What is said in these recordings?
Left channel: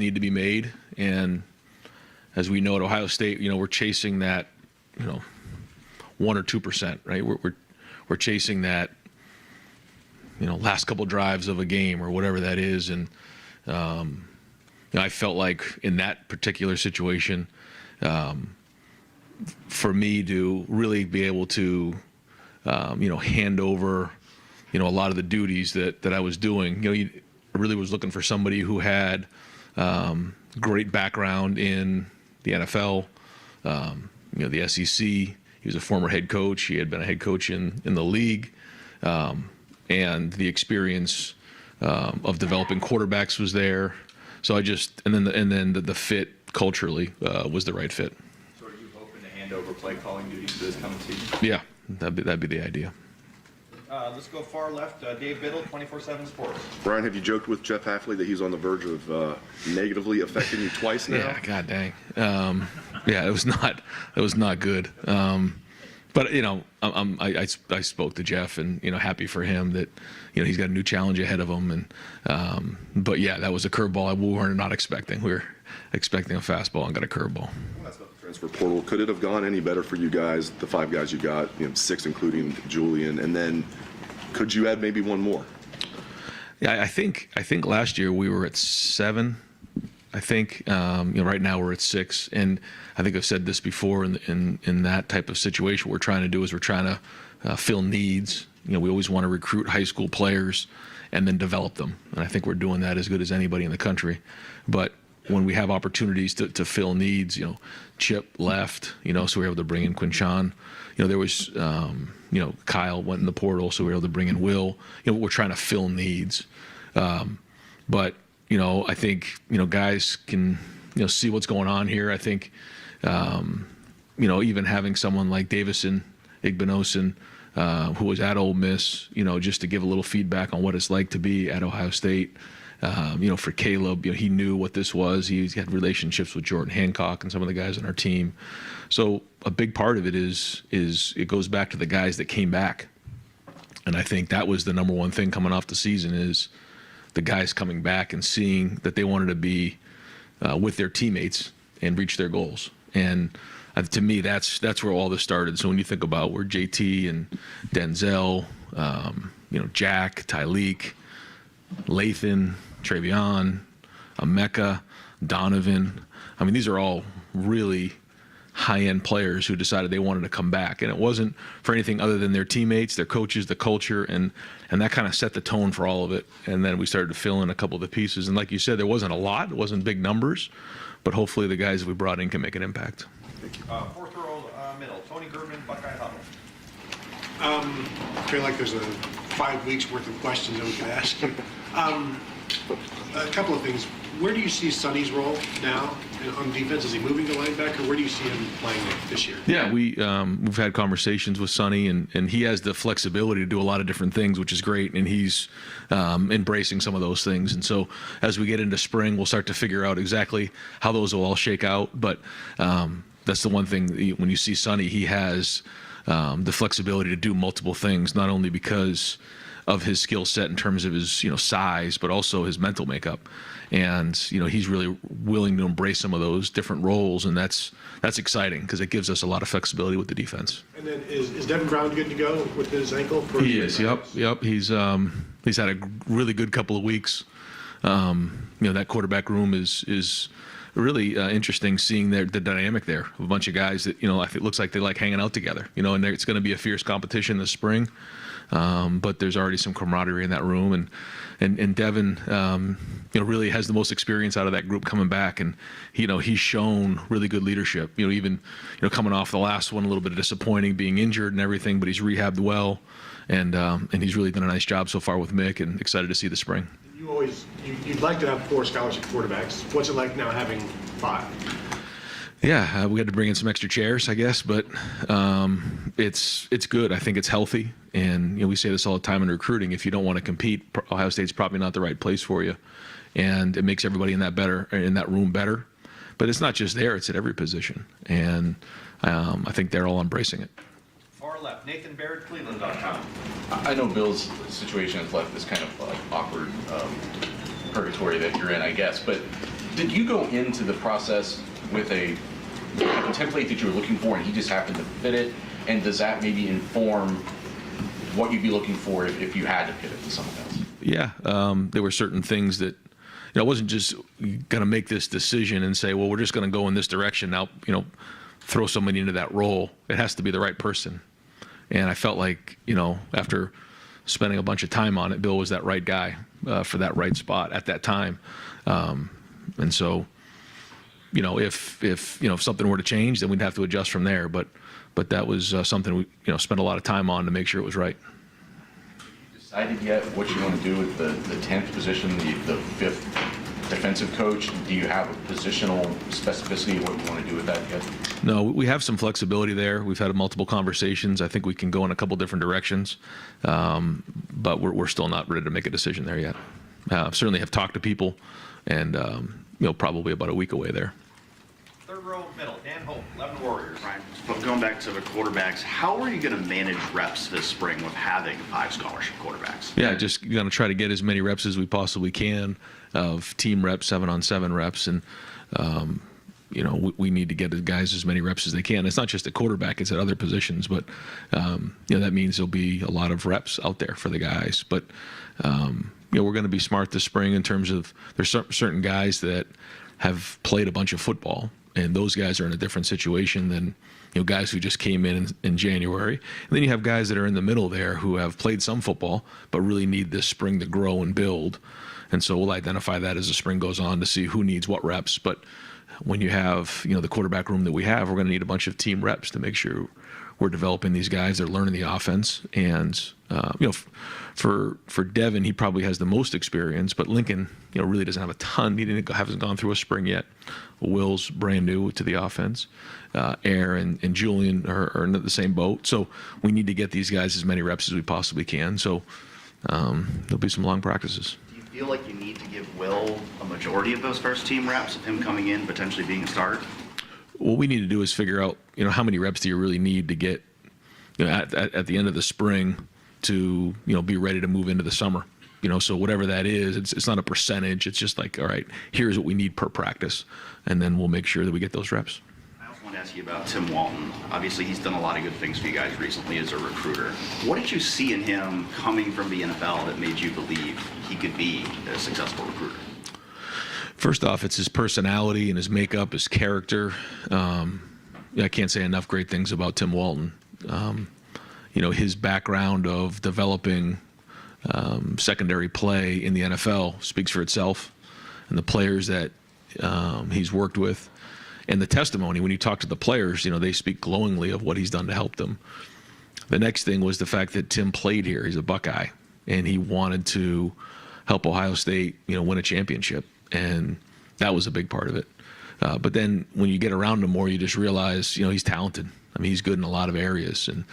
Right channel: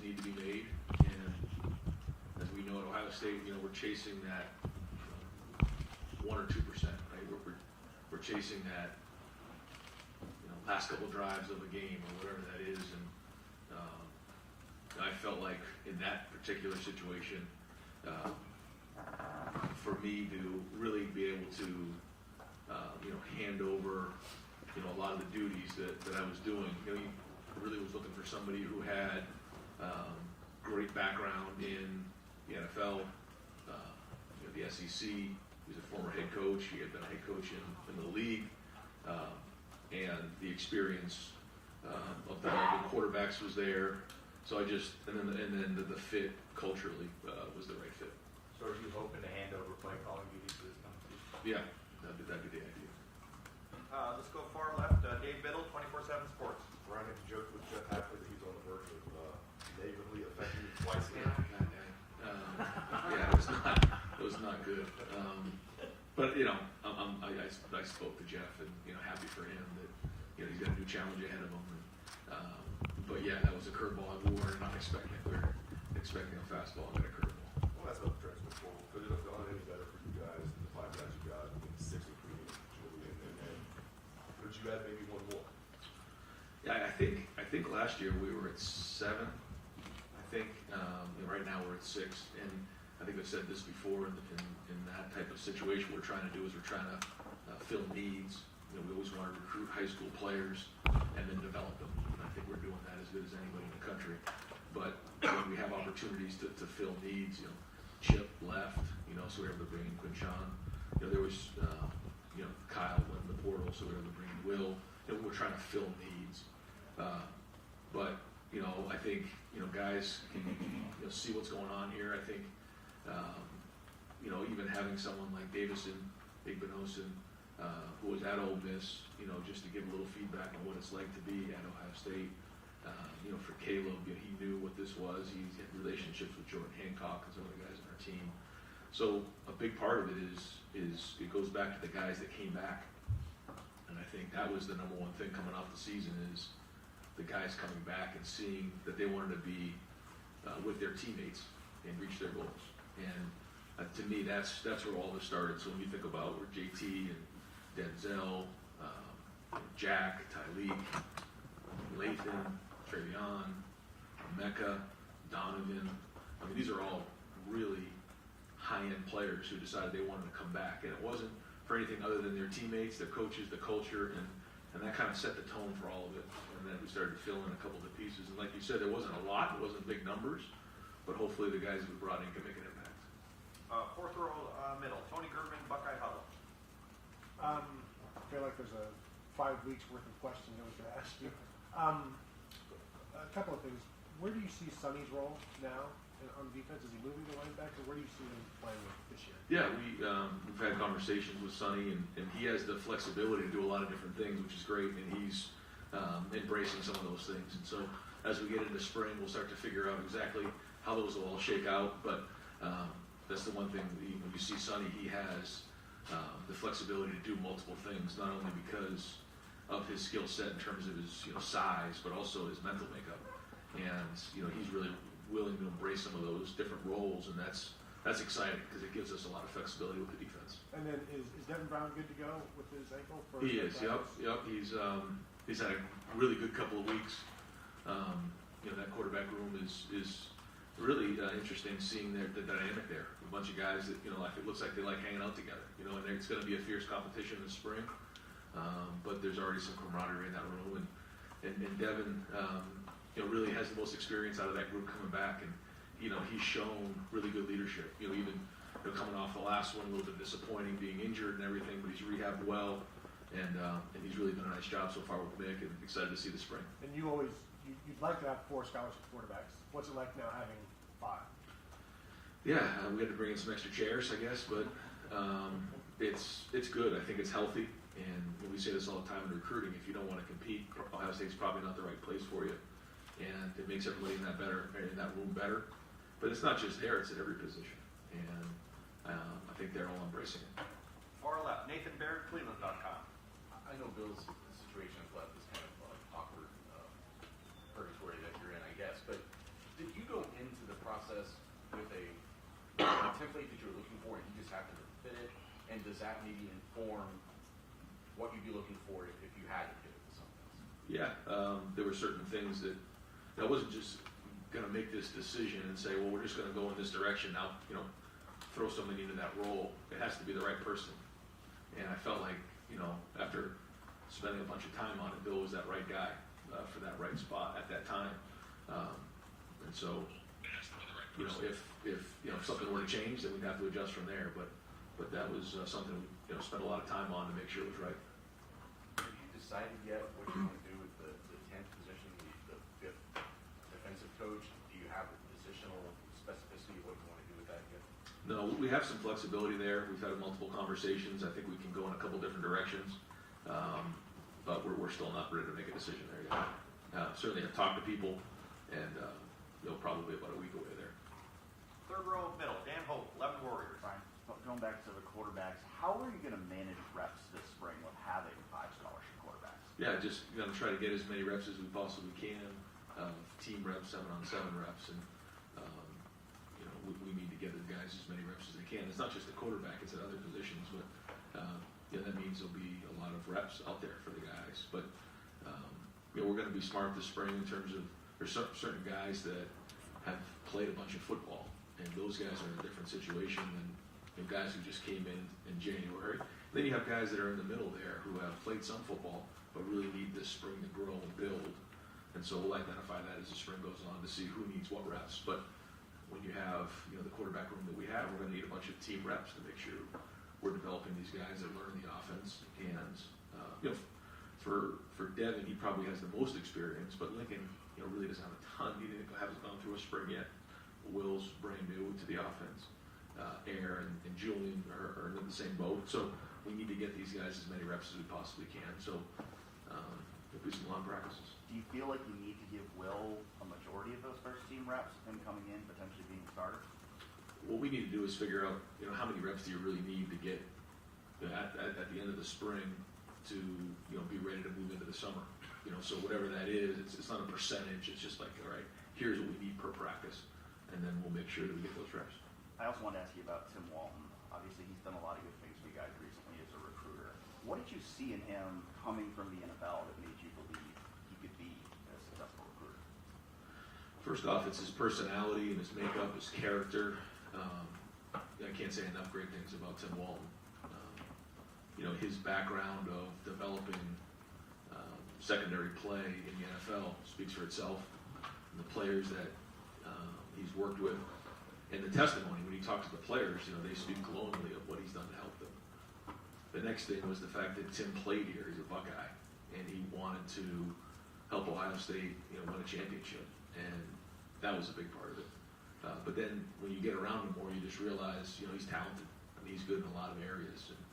need to be made. And as we know at Ohio State, we're chasing that, 1 or 2%, right? We're chasing that, last couple drives of a game or whatever that is. And I felt like in that particular situation, for me to really be able to, hand over, a lot of the duties that I was doing, I really was looking for somebody who had great background in the NFL, the SEC. He was a former head coach. He had been a head coach in the league, and the experience of developing quarterbacks was there. So and then the fit culturally was the right fit. So are you hoping to hand over play calling duties this coming season? Yeah, that'd be the idea. Let's go far left. Dave Biddle, 24/7 Sports. Brian, have you joked with Jeff Hafley that he's on the verge of negatively affecting you twice now? Yeah, god dang. Yeah, it was not good. But I spoke to Jeff, and happy for him that he's got a new challenge ahead of him. And but yeah, that was a curveball we were not expecting. We were expecting a fastball and got a curveball. Transfer portal. Could it have gone any better for you guys? The 5 guys you got, 6 including Julian, and then could you add maybe one more? Yeah, I think last year we were at 7. I think right now we're at 6, and I think I've said this before. In that type of situation, what we're trying to do is we're trying to fill needs. We always want to recruit high school players and then develop them, and I think we're doing that as good as anybody in the country. But when we have opportunities to fill needs, Chip left, so we were able to bring in Quinshawn. There was, Kyle went in the portal, so we were able to bring in Will. We're trying to fill needs. But, I think, guys can, see what's going on here. I think, even having someone like Davison Igbinosun, who was at Ole Miss, just to give a little feedback on what it's like to be at Ohio State. For Caleb, he knew what this was. He had relationships with Jordan Hancock and some of the guys on our team. So a big part of it is it goes back to the guys that came back. And I think that was the number one thing coming off the season is the guys coming back and seeing that they wanted to be with their teammates and reach their goals. And to me, that's where all this started. So when you think about where JT and Denzel, Jack, Tyleek, Lathan, Travion, Emeka, Donovan. I mean, these are all really high-end players who decided they wanted to come back. And it wasn't for anything other than their teammates, their coaches, the culture, and that kind of set the tone for all of it. And then we started to fill in a couple of the pieces. And like you said, there wasn't a lot. It wasn't big numbers. But hopefully the guys that we brought in can make an impact. Thank you. Fourth row middle, Tony German, Buckeye Huddle. I feel like there's 5 weeks worth of questions that we could ask you. A couple of things. Where do you see Sonny's role now on defense? Is he moving to linebacker? Where do you see him playing this year? Yeah, we've had conversations with Sonny, and he has the flexibility to do a lot of different things, which is great, and he's embracing some of those things. And so as we get into spring, we'll start to figure out exactly how those will all shake out. But that's the one thing, when you see Sonny, he has the flexibility to do multiple things, not only because of his skill set in terms of his size, but also his mental makeup. And he's really willing to embrace some of those different roles, and that's exciting because it gives us a lot of flexibility with the defense. And then is Devin Brown good to go with his ankle? He is. Yep. He's had a really good couple of weeks. That quarterback room is really interesting, seeing the dynamic there of a bunch of guys that it looks like they like hanging out together. And it's going to be a fierce competition this spring. But there's already some camaraderie in that room, and Devin, really has the most experience out of that group coming back, and he's shown really good leadership. Even coming off the last one, a little bit disappointing, being injured and everything, but he's rehabbed well, and he's really done a nice job so far with Mick, and excited to see the spring. You'd like to have 4 scholarship quarterbacks. What's it like now having 5? Yeah, we had to bring in some extra chairs, I guess, but it's good. I think it's healthy, and we say this all the time in recruiting. If you don't want to compete, Ohio State's probably not the right place for you, and it makes everybody in that room better. But it's not just there; it's at every position, and I think they're all embracing it. Far left, Nathan Baird, Cleveland.com. I know Bill's situation has left this kind of awkward purgatory that you're in, I guess, but Did you go into the process with a template that you were looking for and he just happened to fit it? And does that maybe inform what you'd be looking for if you had to pivot to something else? Yeah, there were certain things that, I wasn't just going to make this decision and say, well, we're just going to go in this direction now, throw somebody into that role. It has to be the right person. And I felt like, after spending a bunch of time on it, Bill was that right guy for that right spot at that time. And so, if something were to change, then we'd have to adjust from there. But that was something we, spent a lot of time on to make sure it was right. Decided yet what you want to do with the 10th position, the 5th defensive coach? Do you have a positional specificity of what you want to do with that yet? No, we have some flexibility there. We've had multiple conversations. I think we can go in a couple different directions, but we're still not ready to make a decision there yet. Certainly have talked to people, and probably about a week away there. Third row middle, Dan Hope, 11 Warriors. Ryan, but going back to the quarterbacks, how are you going to manage reps this spring with having 5 scholarship quarterbacks? Yeah, just going to try to get as many reps as we possibly can of team reps, 7-on-7 reps, and we need to get the guys as many reps as they can. It's not just at quarterback; it's at other positions. But that means there'll be a lot of reps out there for the guys. But we're going to be smart this spring in terms of there's certain guys that have played a bunch of football, and those guys are in a different situation than guys who just came in January. And then you have guys that are in the middle there who have played some football but really need this spring to grow and build. And so we'll identify that as the spring goes on to see who needs what reps. But when you have the quarterback room that we have, we're going to need a bunch of team reps to make sure we're developing these guys. They're learning the offense, and for Devin, he probably has the most experience, but Lincoln really doesn't have a ton. He hasn't gone through a spring yet. Will's brand new to the offense. Air and Julian are in the same boat. So we need to get these guys as many reps as we possibly can. So there'll be some long practices. Do you feel like you need to give Will a majority of those first team reps of him coming in, potentially being a starter? What we need to do is figure out, how many reps do you really need to get, at the end of the spring to, be ready to move into the summer. So whatever that is, it's not a percentage. It's just like, all right, here's what we need per practice, and then we'll make sure that we get those reps. I also want to ask you about Tim Walton. Obviously, he's done a lot of good things for you guys recently as a recruiter. What did you see in him coming from the NFL that made you believe he could be a successful recruiter? First off, it's his personality and his makeup, his character. I can't say enough great things about Tim Walton. His background of developing secondary play in the NFL speaks for itself, and the players that he's worked with, and the testimony when you talk to the players, they speak glowingly of what he's done to help them. The next thing was the fact that Tim played here. He's a Buckeye, and he wanted to help Ohio State, win a championship, and that was a big part of it. But then when you get around him more, you just realize, he's talented. I mean, he's good in a lot of areas, and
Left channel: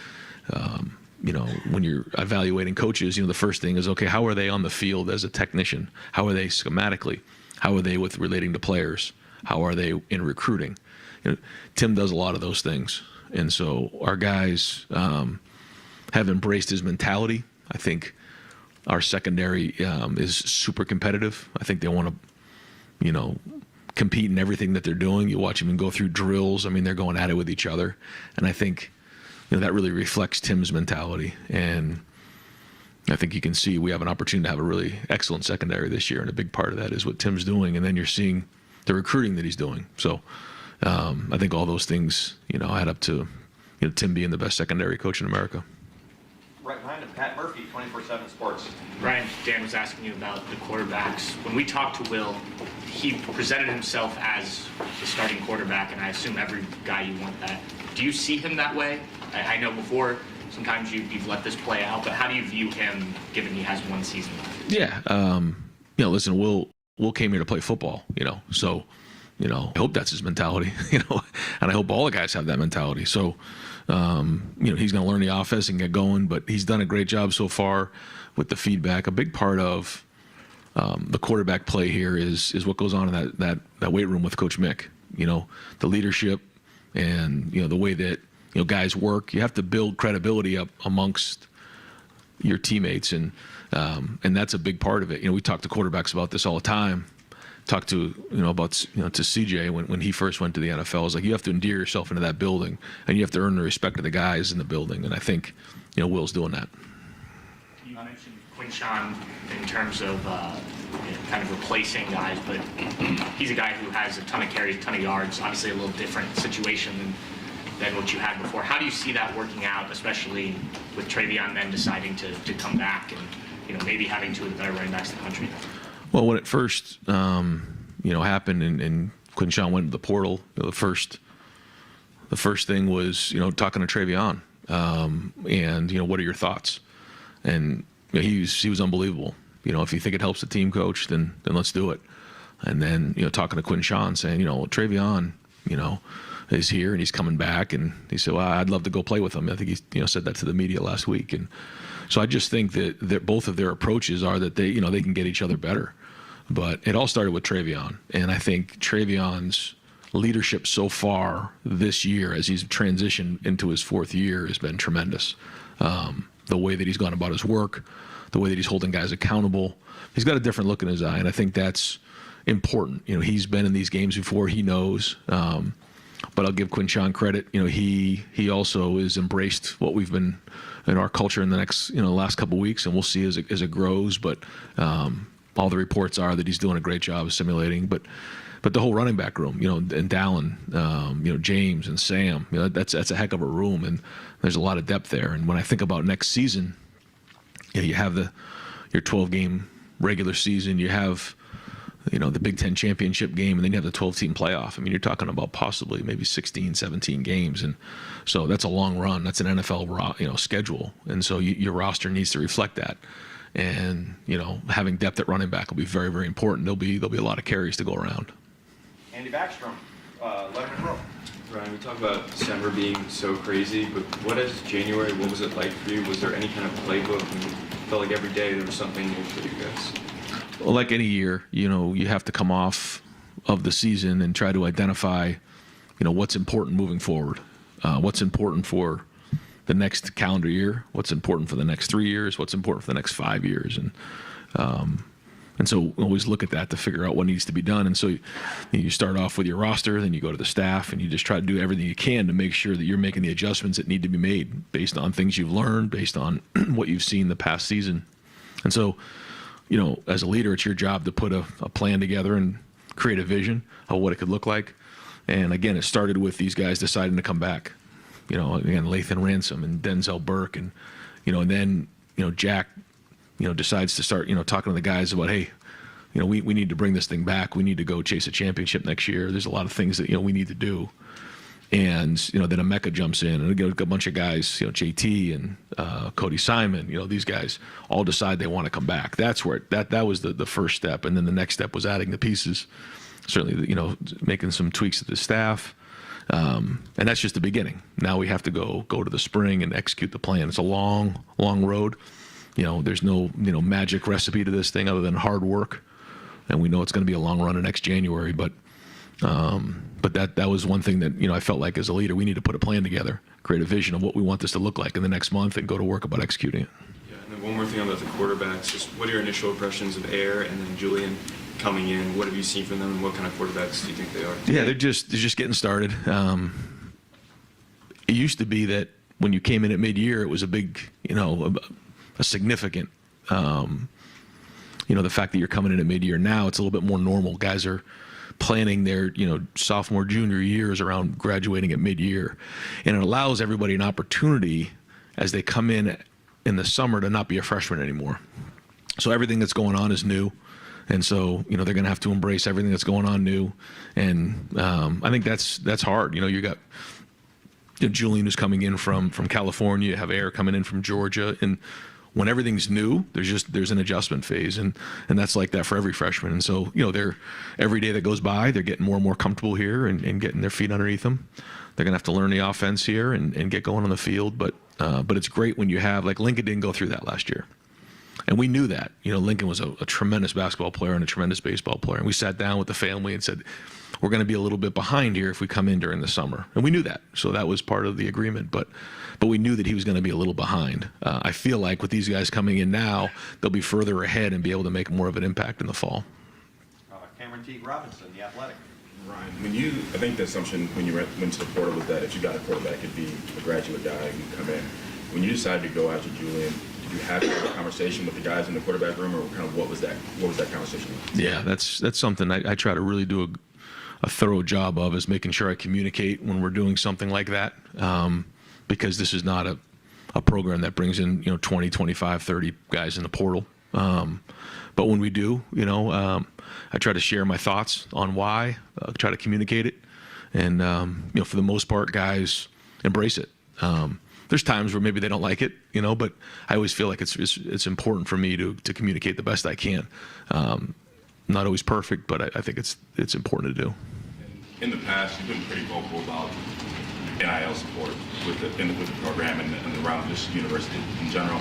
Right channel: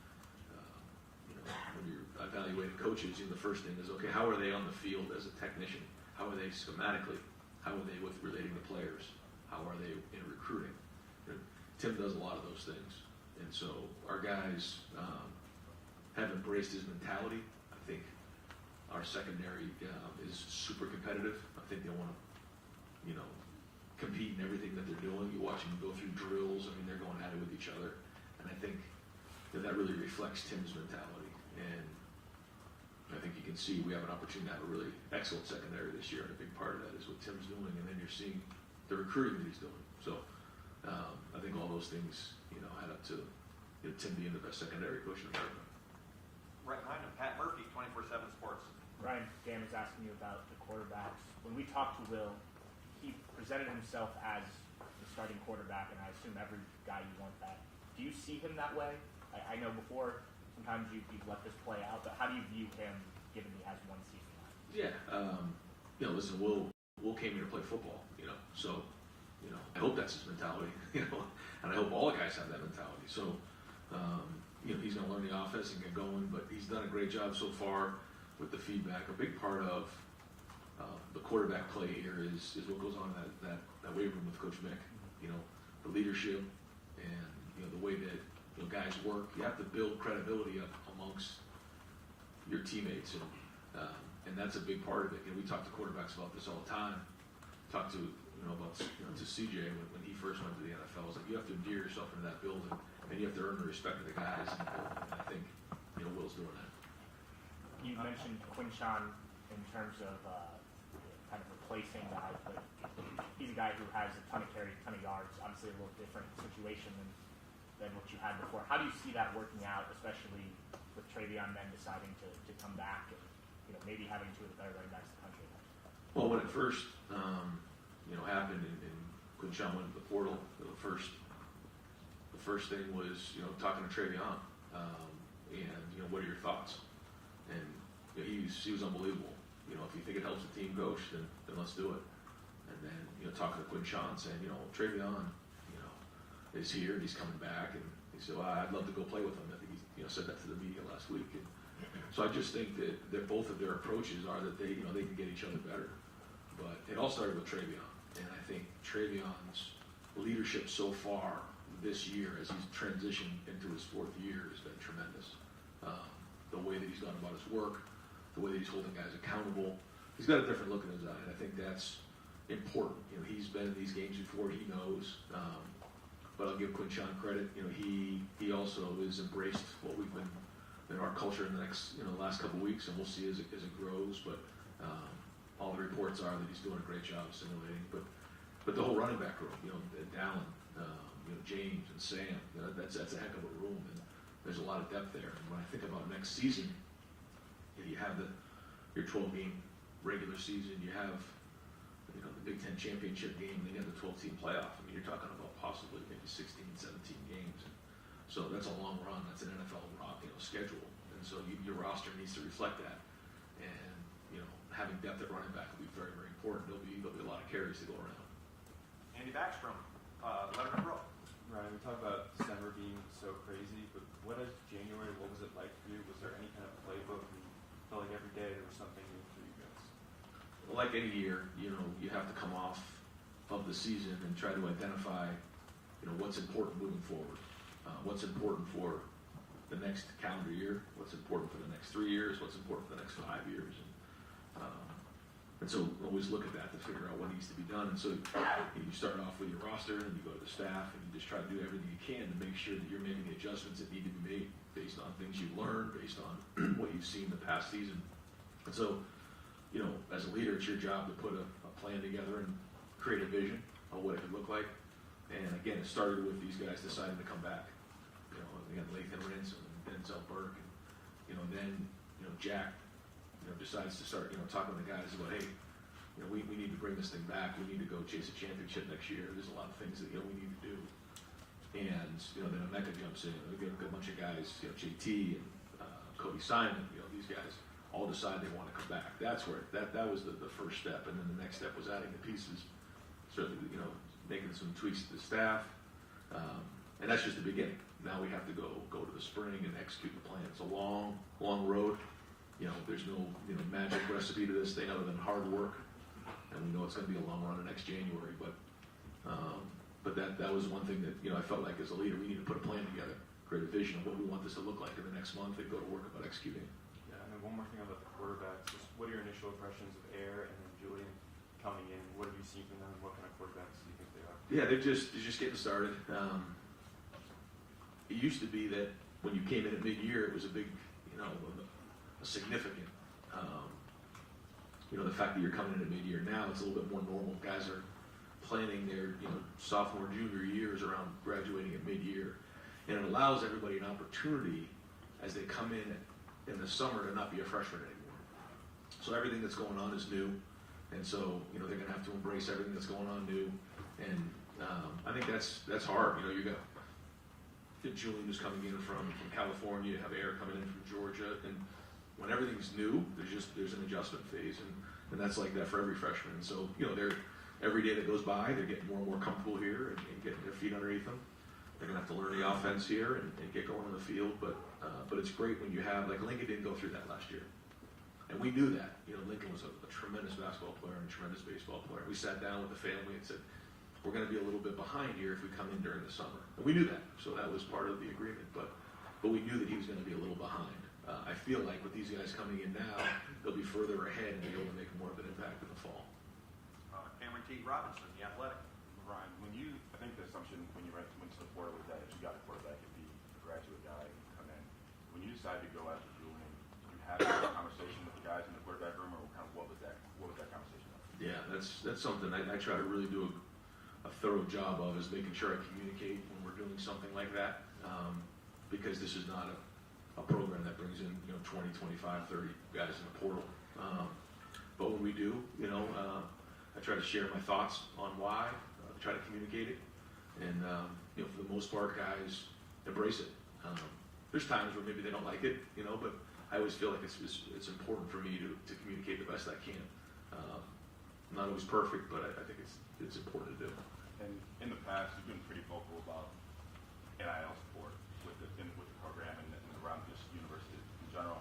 when you're evaluating coaches, the first thing is, okay, how are they on the field as a technician? How are they schematically? How are they with relating to players? How are they in recruiting? Tim does a lot of those things. And so our guys have embraced his mentality. I think our secondary is super competitive. I think they want to, compete in everything that they're doing. You watch them go through drills. I mean, they're going at it with each other. And I think that really reflects Tim's mentality. And I think you can see we have an opportunity to have a really excellent secondary this year, and a big part of that is what Tim's doing. And then you're seeing the recruiting that he's doing. So I think all those things, add up to Tim being the best secondary coach in America. Right behind him, Pat Murphy, 24/7 Sports. Ryan, Dan was asking you about the quarterbacks. When we talked to Will, he presented himself as the starting quarterback, and I assume every guy you want that. Do you see him that way? I know before sometimes you've let this play out, but how do you view him given he has one season left? Yeah, listen, Will came here to play football, so I hope that's his mentality, and I hope all the guys have that mentality. So he's going to learn the offense and get going, but he's done a great job so far with the feedback. A big part of the quarterback play here is what goes on in that weight room with Coach Mick. The leadership and the way that guys work. You have to build credibility up amongst your teammates, and that's a big part of it. We talk to quarterbacks about this all the time. talked to, about, to CJ when he first went to the NFL. It's like you have to endear yourself into that building, and you have to earn the respect of the guys in the building. And I think, Will's doing that. You mentioned Quinshawn in terms of kind of replacing guys, but he's a guy who has a ton of carries, a ton of yards. Obviously, a little different situation than what you had before. How do you see that working out, especially with Travion then deciding to come back and maybe having two of the better running backs in the country? Well, when it first, happened and Quinshawn went to the portal, the first thing was, talking to Travion, and what are your thoughts? And he was unbelievable. If you think it helps the team coach, then let's do it. And then talking to Quinshawn, saying, Travion, is here and he's coming back, and he said, well, I'd love to go play with him. I think he said that to the media last week, and so I just think that both of their approaches are that they they can get each other better. But it all started with Travion, and I think Travion's leadership so far this year, as he's transitioned into his fourth year, has been tremendous. The way that he's gone about his work, the way that he's holding guys accountable, he's got a different look in his eye, and I think that's important. He's been in these games before, he knows. But I'll give Quinshawn credit. He also has embraced what we've been in our culture in the next last couple of weeks, and we'll see as it grows. But all the reports are that he's doing a great job of simulating. But the whole running back room, and Dallin, James and Sam, that's a heck of a room, and there's a lot of depth there. And when I think about next season, you have your 12-game regular season, you have the Big Ten championship game, and then you have the 12-team playoff. I mean, you're talking about possibly maybe 16, 17 games, and so that's a long run. That's an NFL schedule, and so your roster needs to reflect that. And having depth at running back will be very, very important. There'll be a lot of carries to go around. Andy Backstrom, 11 in a row. Ryan, we talk about December being so crazy, but what is January? What was it like for you? Was there any kind of playbook? And it felt like every day there was something new for you guys. Well, like any year, you have to come off of the season and try to identify, what's important moving forward, what's important for the next calendar year, what's important for the next 3 years, what's important for the next 5 years, and so always look at that to figure out what needs to be done. And so you start off with your roster, then you go to the staff, and you just try to do everything you can to make sure that you're making the adjustments that need to be made based on things you've learned, based on what you've seen the past season. And so, as a leader, it's your job to put a plan together and create a vision of what it could look like. And again, it started with these guys deciding to come back. Again, Lathan Ransom and Denzel Burke, and and then Jack decides to start talking to the guys about, hey, we need to bring this thing back. We need to go chase a championship next year. There's a lot of things that we need to do. And then Emeka jumps in, and a bunch of guys, JT and Cody Simon, these guys all decide they want to come back. That's where that was the first step, and then the next step was adding the pieces. Certainly, making some tweaks to the staff, and that's just the beginning. Now we have to go to the spring and execute the plan. It's a long road. There's no magic recipe to this thing other than hard work, and we know it's going to be a long run in next January, but that was one thing that I felt like as a leader we need to put a plan together, create a vision of what we want this to look like in the next month, and go to work about executing it. Yeah, and then one more thing about the quarterbacks. Just what are your initial impressions of Air and then Julian coming in? What have you seen from them, and what kind of quarterbacks do you think they are? Yeah, they're just getting started. It used to be that when you came in at mid-year, it was a big, a significant, the fact that you're coming in at mid-year. Now it's a little bit more normal. Guys are planning their, sophomore, junior years around graduating at mid-year. And it allows everybody an opportunity as they come in the summer to not be a freshman anymore. So everything that's going on is new. And so, they're going to have to embrace everything that's going on new. And I think that's hard. You got Julian who's coming in from California, you have Air coming in from Georgia. And when everything's new, there's an adjustment phase, and that's like that for every freshman. And so, they're every day that goes by, they're getting more and more comfortable here and getting their feet underneath them. They're gonna have to learn the offense here and get going on the field. But it's great when you have, like, Lincoln didn't go through that last year, and we knew that. Lincoln was a tremendous basketball player and a tremendous baseball player, and we sat down with the family and said, we're going to be a little bit behind here if we come in during the summer, and we knew that. So that was part of the agreement, but we knew that he was going to be a little behind. I feel like with these guys coming in now, they'll be further ahead and be able to make more of an impact in the fall. Cameron Teague Robinson, the athletic. Ryan, I think the assumption when you went to the portal was that if you got a quarterback, it'd be a graduate guy who'd come in. When you decided to go after Julian, did you have a conversation with the guys in the quarterback room, or kind of what was that conversation like? Yeah, that's something I try to really do a thorough job of, is making sure I communicate when we're doing something like that, because this is not a program that brings in 20, 25, 30 guys in the portal. But when we do, I try to share my thoughts on why, try to communicate it, and for the most part, guys embrace it. There's times where maybe they don't like it, but I always feel like it's important for me to communicate the best I can. Not always perfect, but I think it's important to do. In the past, you've been pretty vocal about NIL support with the program and around this university in general.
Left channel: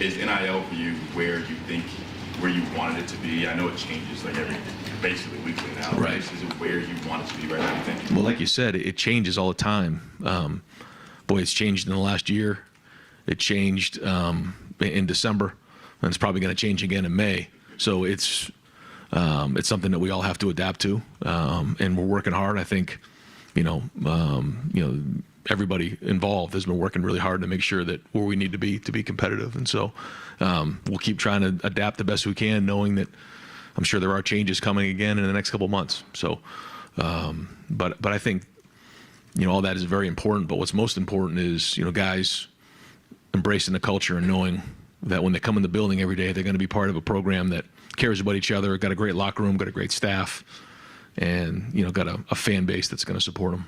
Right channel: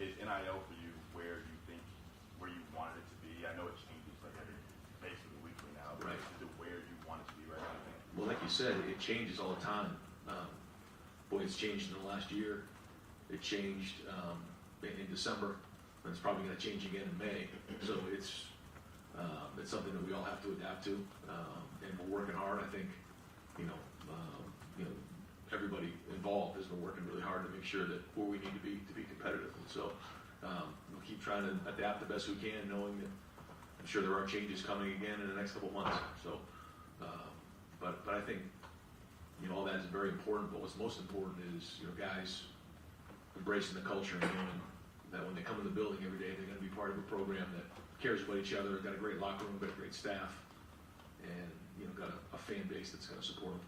Is NIL for you where you wanted it to be? I know it changes like basically weekly now. Right. Is it where you want it to be right now, you think? Well, like you said, it changes all the time. It's changed in the last year. It changed in December, and it's probably going to change again in May. So it's something that we all have to adapt to, and we're working hard. I think, everybody involved has been working really hard to make sure that where we need to be competitive. And so we'll keep trying to adapt the best we can, knowing that I'm sure there are changes coming again in the next couple of months. So, but I think, all that is very important. But what's most important is, guys embracing the culture and knowing that when they come in the building every day, they're going to be part of a program that cares about each other, got a great locker room, got a great staff, and, got a fan base that's going to support them.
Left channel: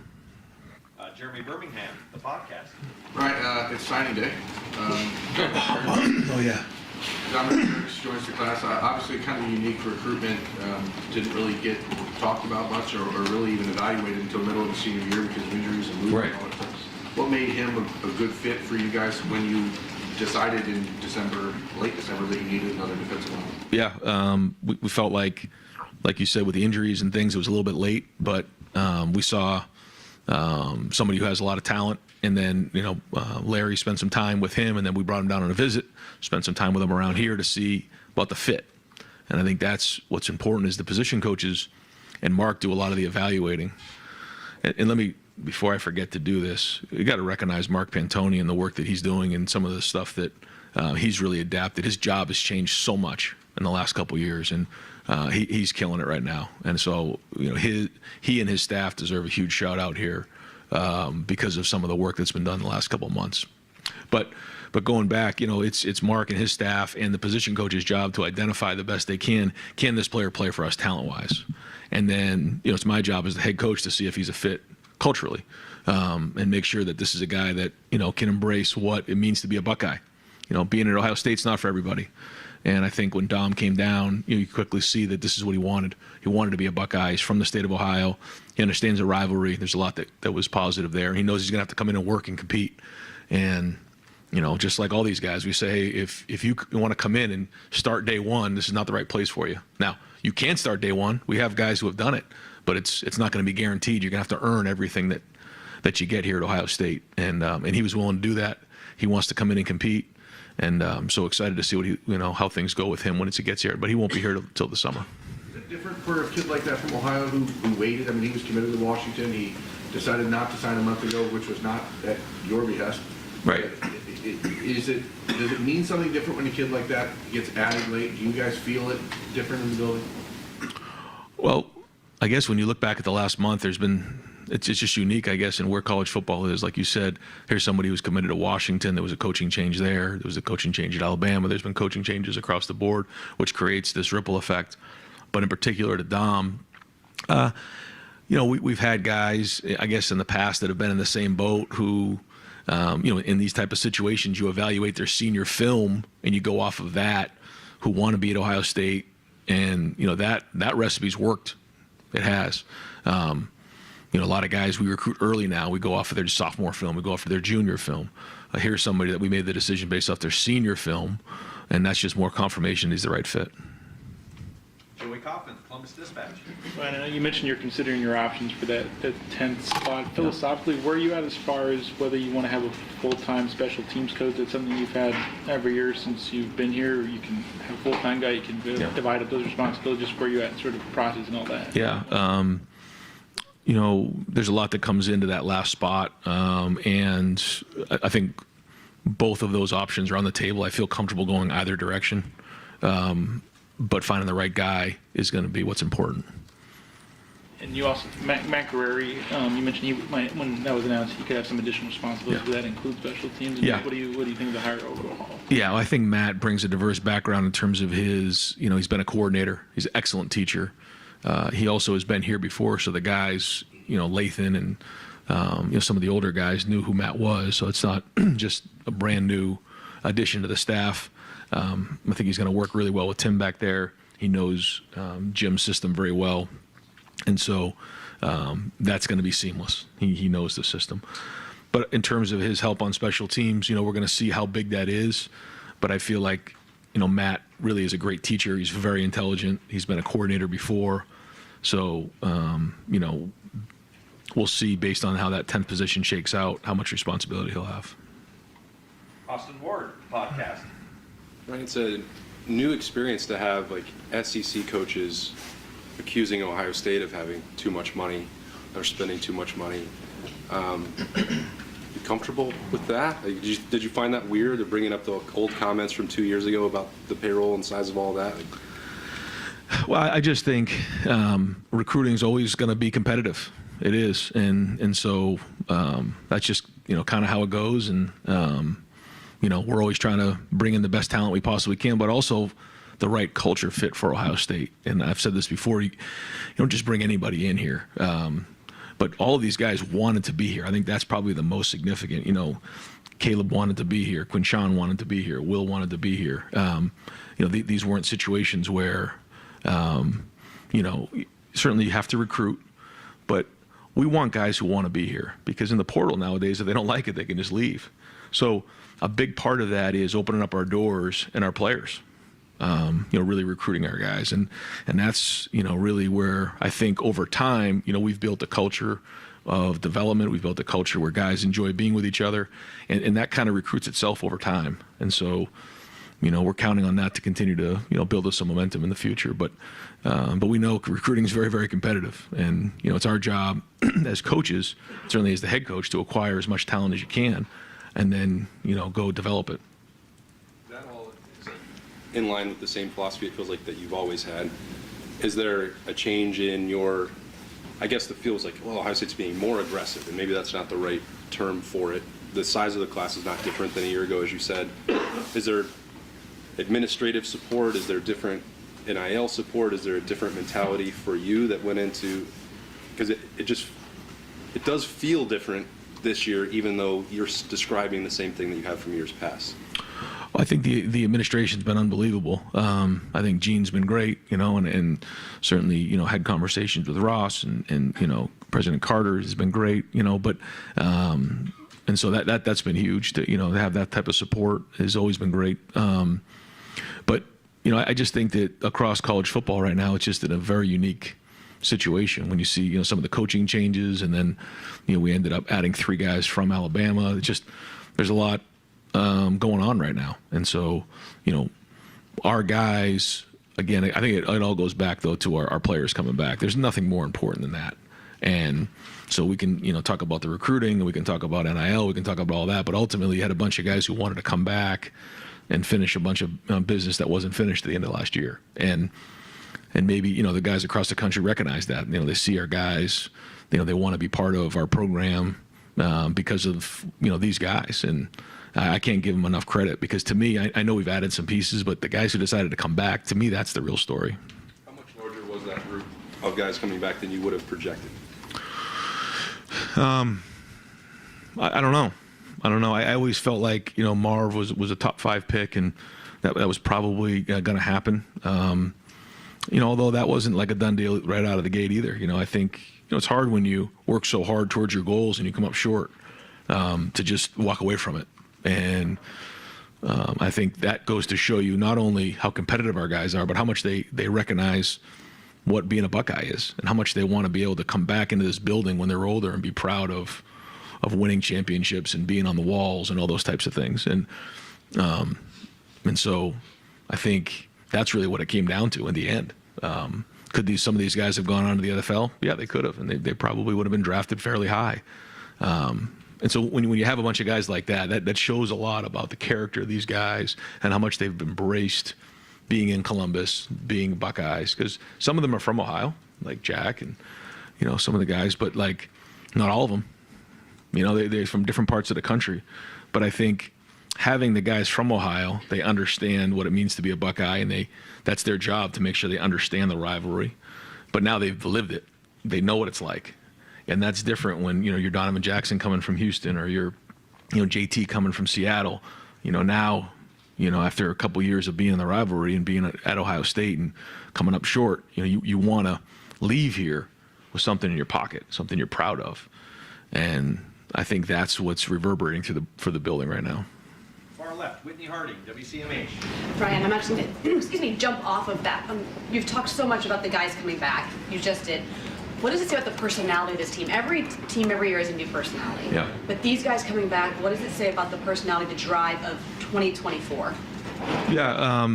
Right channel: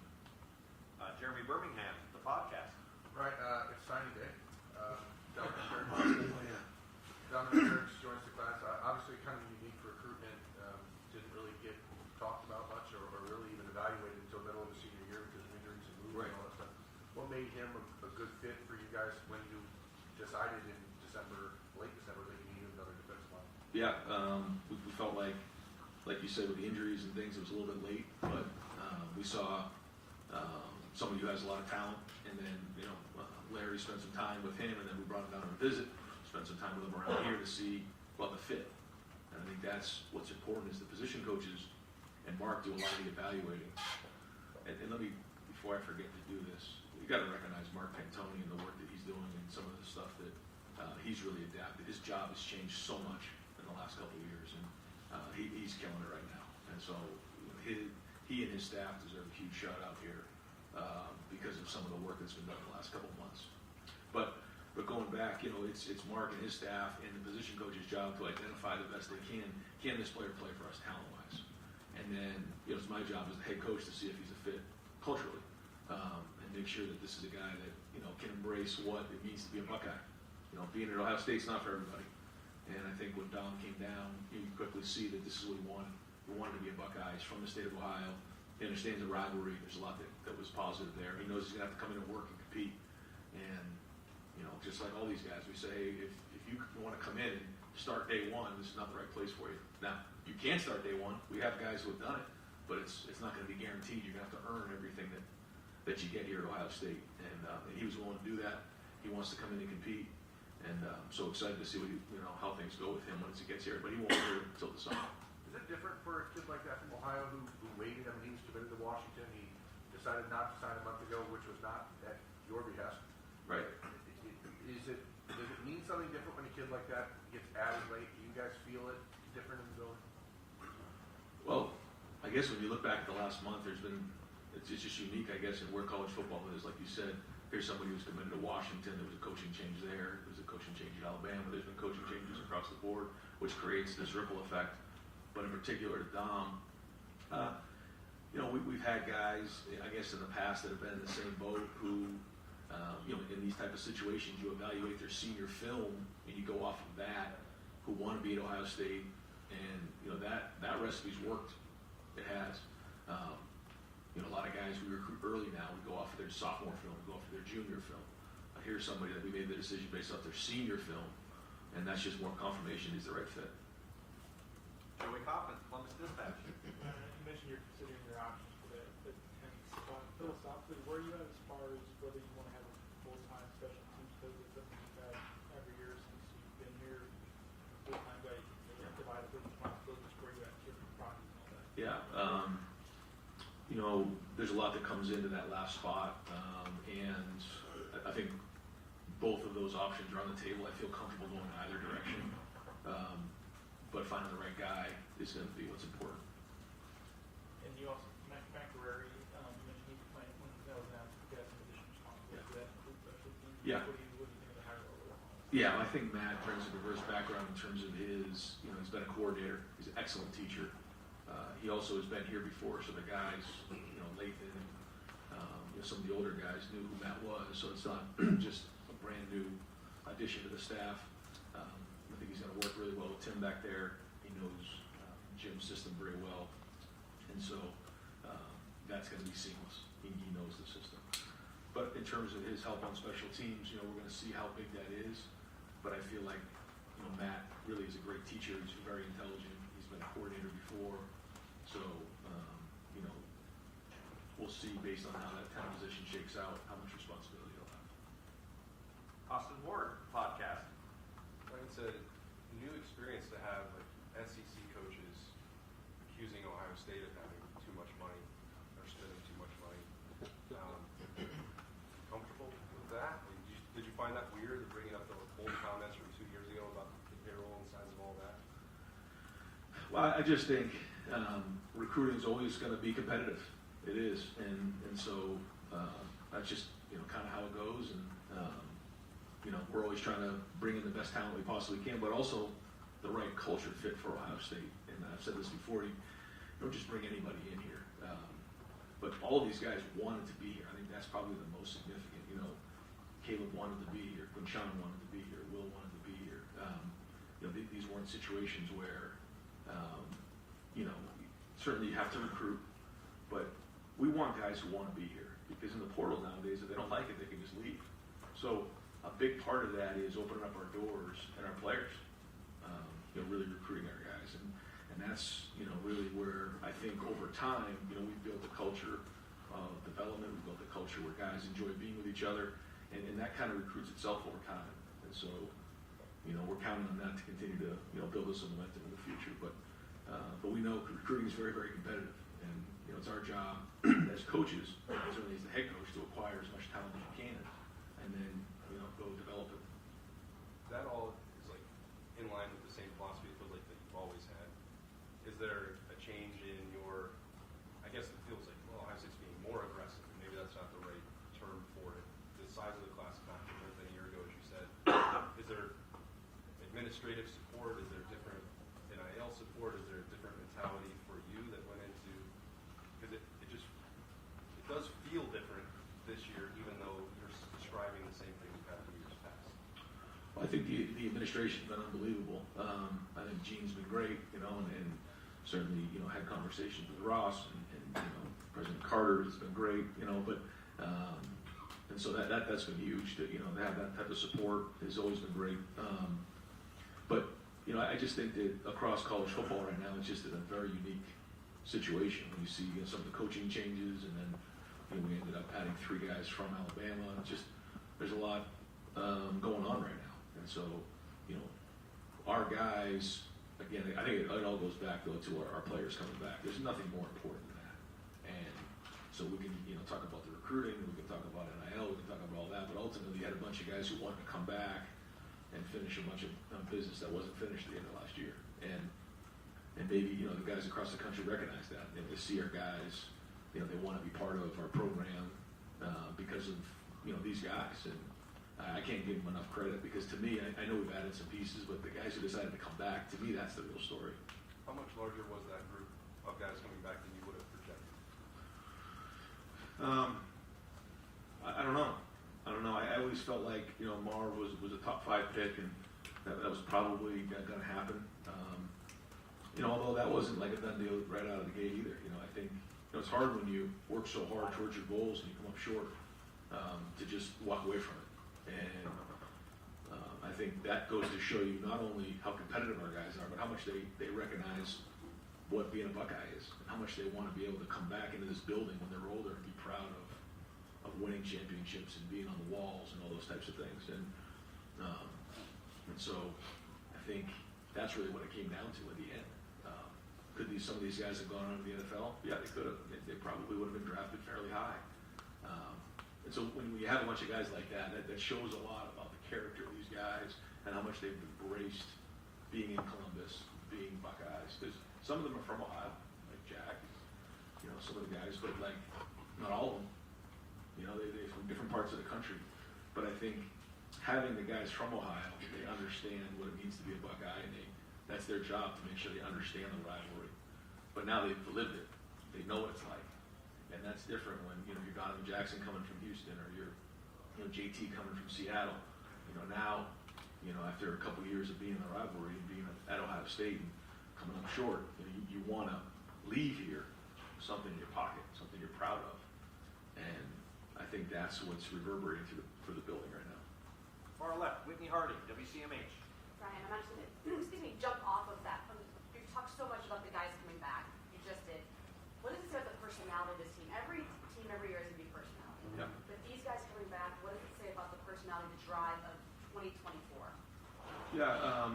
Jeremy Birmingham, the podcast. Right, it's signing day. Oh, yeah. Dominic Dirks joins the class. Obviously, kind of unique recruitment. Didn't really get talked about much or really even evaluated until the middle of the senior year because of injuries and movement and all that stuff. What made him a good fit for you guys when you decided in late December, that you needed another defensive line? Yeah, we felt like you said, with the injuries and things, it was a little bit late, but we saw somebody who has a lot of talent, and then Larry spent some time with him, and then we brought him down on a visit, spent some time with him around here to see about the fit. And I think that's what's important, is the position coaches and Mark do a lot of the evaluating. And let me, before I forget to do this, you got to recognize Mark Pantoni and the work that he's doing and some of the stuff that he's really adapted. His job has changed so much in the last couple of years, and he's killing it right now. And so, he and his staff deserve a huge shout out here because of some of the work that's been done in the last couple of months. But going back, it's Mark and his staff and the position coach's job to identify the best they can. Can this player play for us talent-wise? And then, it's my job as the head coach to see if he's a fit culturally, and make sure that this is a guy that, can embrace what it means to be a Buckeye. Being at Ohio State's not for everybody. And I think when Dom came down, you quickly see that this is what he wanted. He wanted to be a Buckeye. He's from the state of Ohio. He understands the rivalry. There's a lot that was positive there. He knows he's going to have to come in and work and compete. And, just like all these guys, we say, hey, if you want to come in and start day one, this is not the right place for you. Now, you can start day one. We have guys who have done it, but it's not going to be guaranteed. You're going to have to earn everything that you get here at Ohio State. And he was willing to do that. He wants to come in and compete. And I'm so excited to see what how things go with him when he gets here. But he won't be here till the summer. Is it different for a kid like that from Ohio who waited? I mean, he was committed to Washington. He decided not to sign a month ago, which was not at your behest. Right. Does it mean something different when a kid like that gets added late? Do you guys feel it different in the building? Well, I guess when you look back at the last month, it's just unique, I guess, in where college football is. Like you said, here's somebody who's committed to Washington. There was a coaching change there. There was a coaching change at Alabama. There's been coaching changes across the board, which creates this ripple effect. But in particular to Dom, we've had guys, I guess, in the past that have been in the same boat who, in these type of situations, you evaluate their senior film and you go off of that, who want to be at Ohio State. And, that recipe's worked. It has. A lot of guys we recruit early now, we go off of their sophomore film, we go off of their junior film. Here's somebody that we made the decision based off their senior film, and that's just more confirmation he's the right fit. Joey Kaufman, Columbus Dispatch. I know you mentioned you're considering your options for that 10th spot. Philosophically, where are you at as far as whether you want to have a full-time special teams coach? That's something you've had every year since you've been here. Or you can have a full-time guy. You can divide up those responsibilities. Where you at, sort of process and all that. Yeah. You know, there's a lot that comes into that last spot, and I think both of those options are on the table. I feel comfortable going either direction, but finding the right guy is going to be what's important. And you also, Matt Guerreri, you mentioned he might, when that was announced, he could have some additional responsibilities. Yeah. Does that include special teams? And Yeah. What do you think of the hire overall? Yeah, well, I think Matt brings a diverse background in terms of his, you know, he's been a coordinator. He's an excellent teacher. He also has been here before, so the guys, you know, Lathan and, you know, some of the older guys knew who Matt was, so it's not just a brand new addition to the staff. I think he's going to work really well with Tim back there. He knows Jim's system very well, and so that's going to be seamless. He knows the system. But in terms of his help on special teams, you know, we're going to see how big that is. But I feel like, you know, Matt really is a great teacher. He's very intelligent. He's been a coordinator before. So, you know, we'll see based on how that 10th position shakes out, how much responsibility he'll have. Austin Ward podcast. Right, it's a new experience to have like SEC coaches accusing Ohio State of having too much money or spending too much money. You comfortable with that? Like, did you find that weird? They're bringing up the old comments from 2 years ago about the payroll and size of all that. Well, I just think recruiting is always going to be competitive. It is, and so that's just, you know, kind of how it goes. And you know, we're always trying to bring in the best talent we possibly can, but also the right culture fit for Ohio State. And I've said this before: you don't just bring anybody in here. But all of these guys wanted to be here. I think that's probably the most significant. You know, Caleb wanted to be here. Quinshawn wanted to be here. Will wanted to be here. You know, these weren't situations where, you know, certainly you have to recruit, but we want guys who want to be here, because in the portal nowadays, if they don't like it, they can just leave. So a big part of that is opening up our doors and our players. You know, really recruiting our guys, and that's, you know, really where I think over time, you know, we've built a culture of development. We've built a culture where guys enjoy being with each other, and that kind of recruits itself over time. And so, you know, we're counting on that to continue to, you know, build us some momentum in the future. But we know recruiting is very, very competitive, and you know, it's our job as coaches, certainly as the head coach, to acquire as much talent as you can, and then, you know, go develop it. That all is in line with the same philosophy it feels like that you've always had. Is there a change in your, I guess the feels like, well, Ohio State's being more aggressive, and maybe that's not the right term for it. The size of the class is not different than a year ago, as you said. Is there administrative support? Is there different NIL support? Is there a different mentality for you that went into, because it does feel different this year, even though you're describing the same thing that you have from years past? Well, I think the administration's been unbelievable. I think Gene's been great, you know, and certainly, you know, had conversations with Ross, and you know, President Carter has been great, you know, but and so that's been huge to, you know, to have that type of support has always been great. But you know, I just think that across college football right now, it's just in a very unique situation when you see, you know, some of the coaching changes, and then, you know, we ended up adding 3 guys from Alabama. It's just, there's a lot going on right now. And so, you know, our guys, again, I think it all goes back, though, to our players coming back. There's nothing more important than that. And so we can, you know, talk about the recruiting, and we can talk about NIL, we can talk about all that, but ultimately you had a bunch of guys who wanted to come back and finish a bunch of business that wasn't finished at the end of last year. And maybe, you know, the guys across the country recognize that. You know, they see our guys, you know, they want to be part of our program because of, you know, these guys. And I can't give them enough credit, because to me, I know we've added some pieces, but the guys who decided to come back, to me, that's the real story. How much larger was that group of guys coming back than you would have projected? I don't know. I always felt like, you know, Marv was a top 5 pick, and that was probably going to happen. You know, although that wasn't like a done deal right out of the gate either. You know, I think, you know, it's hard when you work so hard towards your goals and you come up short, to just walk away from it. And I think that goes to show you not only how competitive our guys are, but how much they recognize what being a Buckeye is and how much they want to be able to come back into this building when they're older and be proud of winning championships and being on the walls and all those types of things. And so I think that's really what it came down to in the end. Could some of these guys have gone on to the NFL? Yeah, they could have, and they probably would have been drafted fairly high. And so when you have a bunch of guys like that shows a lot about the character of these guys and how much they've embraced being in Columbus, being Buckeyes, because some of them are from Ohio, like Jack and, some of the guys, but like not all of them. They're from different parts of the country. But I think having the guys from Ohio, they understand what it means to be a Buckeye, and that's their job to make sure they understand the rivalry. But now they've lived it. They know what it's like. And that's different when, you're Donovan Jackson coming from Houston, or you're, JT coming from Seattle. Now, after a couple years of being in the rivalry and being at Ohio State and coming up short, you want to leave here with something in your pocket, something you're proud of. And I think that's what's reverberating for the building right now. Far left, Whitney Harding, WCMH. Brian, I'm actually going to jump off of that. You've talked so much about the guys coming back. You just did. What does it say about the personality of this team? Every team every year is a new personality. Yeah. But these guys coming back, what does it say about the personality, the drive of 2024? Yeah,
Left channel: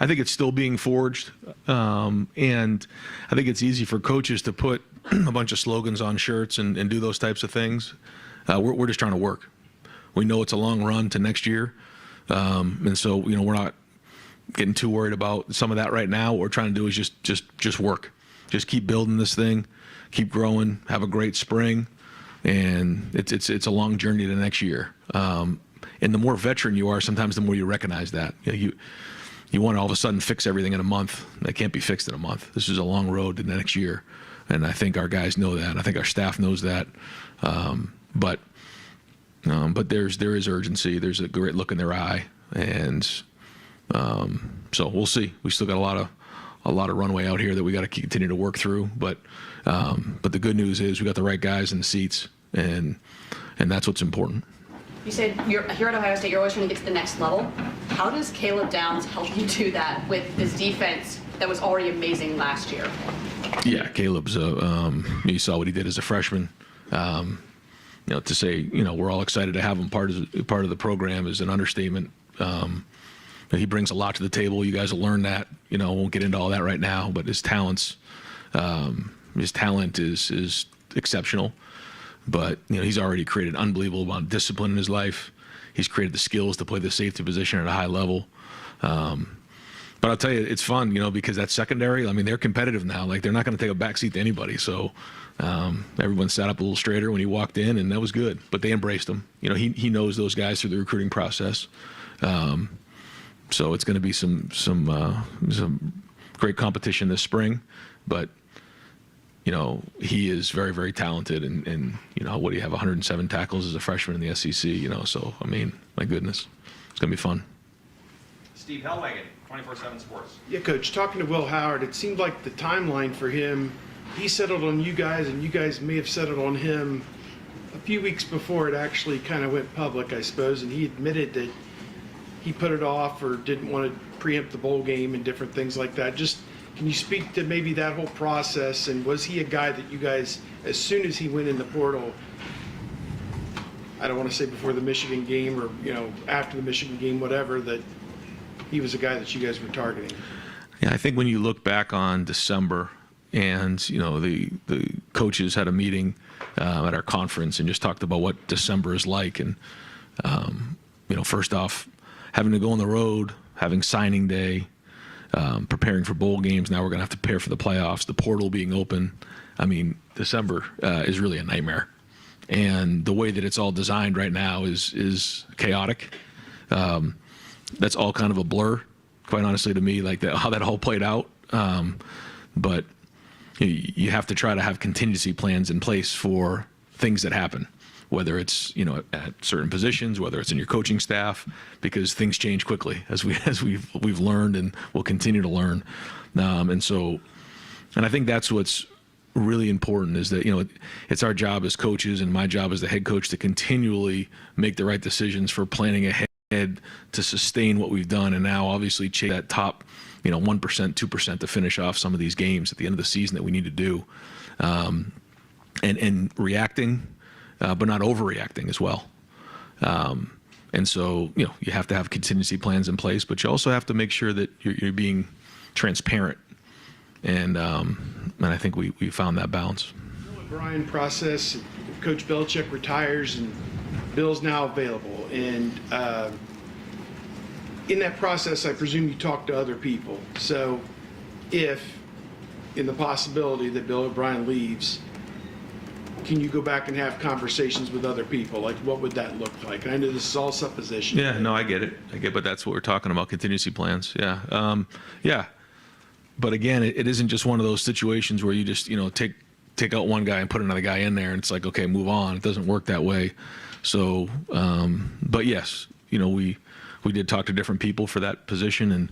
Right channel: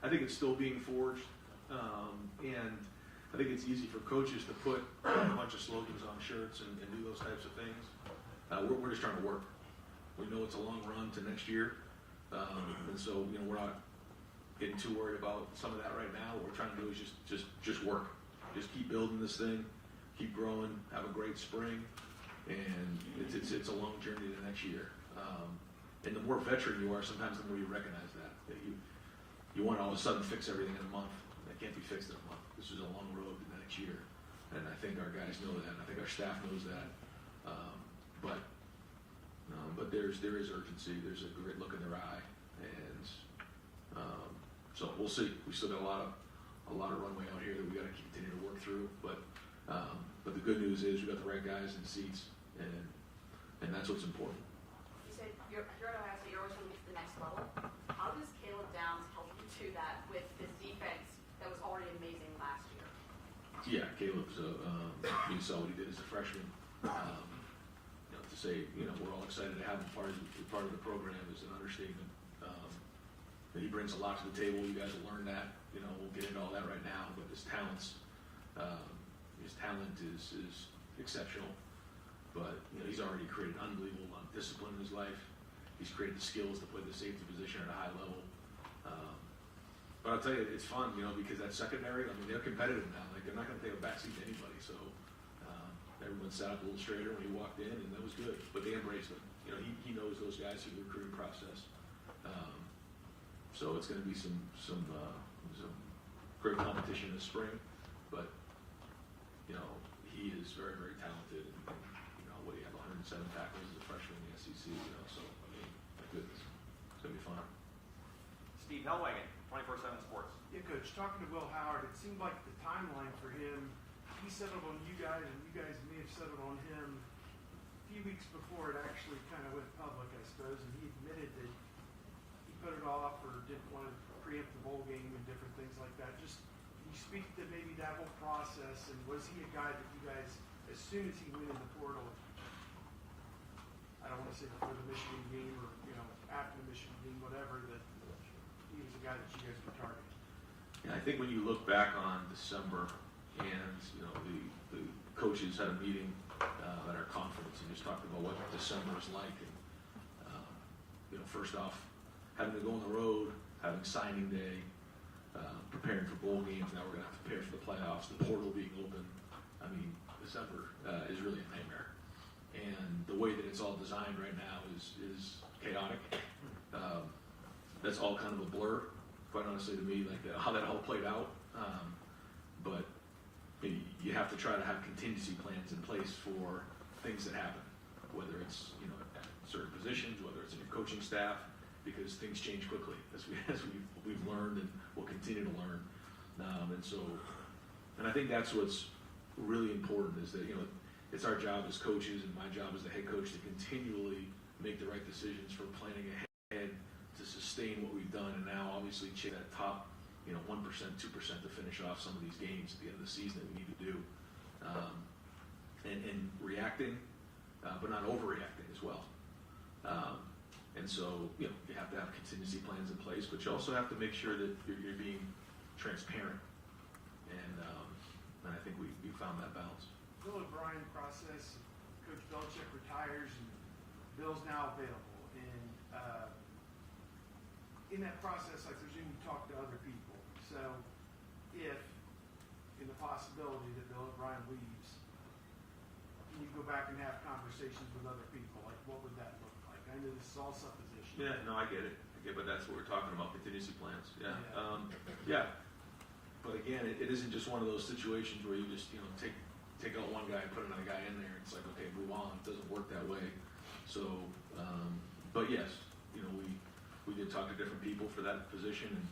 I think it's still being forged. And I think it's easy for coaches to put a bunch of slogans on shirts and do those types of things. We're just trying to work. We know it's a long run to next year. And so, we're not getting too worried about some of that right now. What we're trying to do is just work. Just keep building this thing, keep growing, have a great spring, and it's a long journey to next year. And the more veteran you are, sometimes the more you recognize that. You want to all of a sudden fix everything in a month. That can't be fixed in a month. This is a long road to the next year, and I think our guys know that. I think our staff knows that. But there is urgency. There's a great look in their eye, and so we'll see. We still got a lot of runway out here that we got to continue to work through. But the good news is we got the right guys in the seats, and that's what's important. You said you're here at Ohio State, you're always trying to get to the next level. How does Caleb Downs help you do that with this defense that was already amazing last year? Yeah, Caleb's you saw what he did as a freshman. To say, we're all excited to have him part of the program is an understatement. He brings a lot to the table. You guys will learn that. I won't get into all that right now, but his talent is exceptional. But he's already created an unbelievable amount of discipline in his life. He's created the skills to play the safety position at a high level. But I'll tell you, it's fun, because that secondary, they're competitive now. Like, they're not going to take a backseat to anybody. So everyone sat up a little straighter when he walked in, and that was good. But they embraced him. He knows those guys through the recruiting process. So it's going to be some great competition this spring, but he is very, very talented, and what do you have, 107 tackles as a freshman in the SEC, so my goodness, it's going to be fun. Steve Hellwagon, 24/7 Sports. Yeah, Coach, talking to Will Howard, it seemed like the timeline for him, he settled on you guys, and you guys may have settled on him a few weeks before it actually kind of went public, I suppose, and he admitted that he put it off or didn't want to preempt the bowl game and different things like that. Just, can you speak to maybe that whole process, and was he a guy that you guys, as soon as he went in the portal, I don't want to say before the Michigan game or, after the Michigan game, whatever, that he was a guy that you guys were targeting? Yeah, I think when you look back on December and, the coaches had a meeting at our conference and just talked about what December is like. And, first off, having to go on the road, having signing day, preparing for bowl games. Now we're going to have to prepare for the playoffs, the portal being open. December is really a nightmare. And the way that it's all designed right now is chaotic. That's all kind of a blur, quite honestly, to me, like how that all played out. But you have to try to have contingency plans in place for things that happen, whether it's at certain positions, whether it's in your coaching staff, because things change quickly as we've learned and will continue to learn. And I think that's what's really important, is that it's our job as coaches and my job as the head coach to continually make the right decisions for planning ahead to sustain what we've done, and now obviously chase that top 1%, 2% to finish off some of these games at the end of the season that we need to do, and reacting, but not overreacting as well. And so, you have to have contingency plans in place, but you also have to make sure that you're being transparent. And I think we found that balance. Bill O'Brien process, Coach Belichick retires and Bill's now available. And in that process, I presume you talk to other people. So if, in the possibility that Bill O'Brien leaves, can you go back and have conversations with other people? Like, what would that look like? And I know this is all supposition. Yeah, no, I get it. But that's what we're talking about, contingency plans. Yeah. Yeah. But again, it isn't just one of those situations where you just, take out one guy and put another guy in there and it's like, okay, move on. It doesn't work that way. So, but yes, we did talk to different people for that position,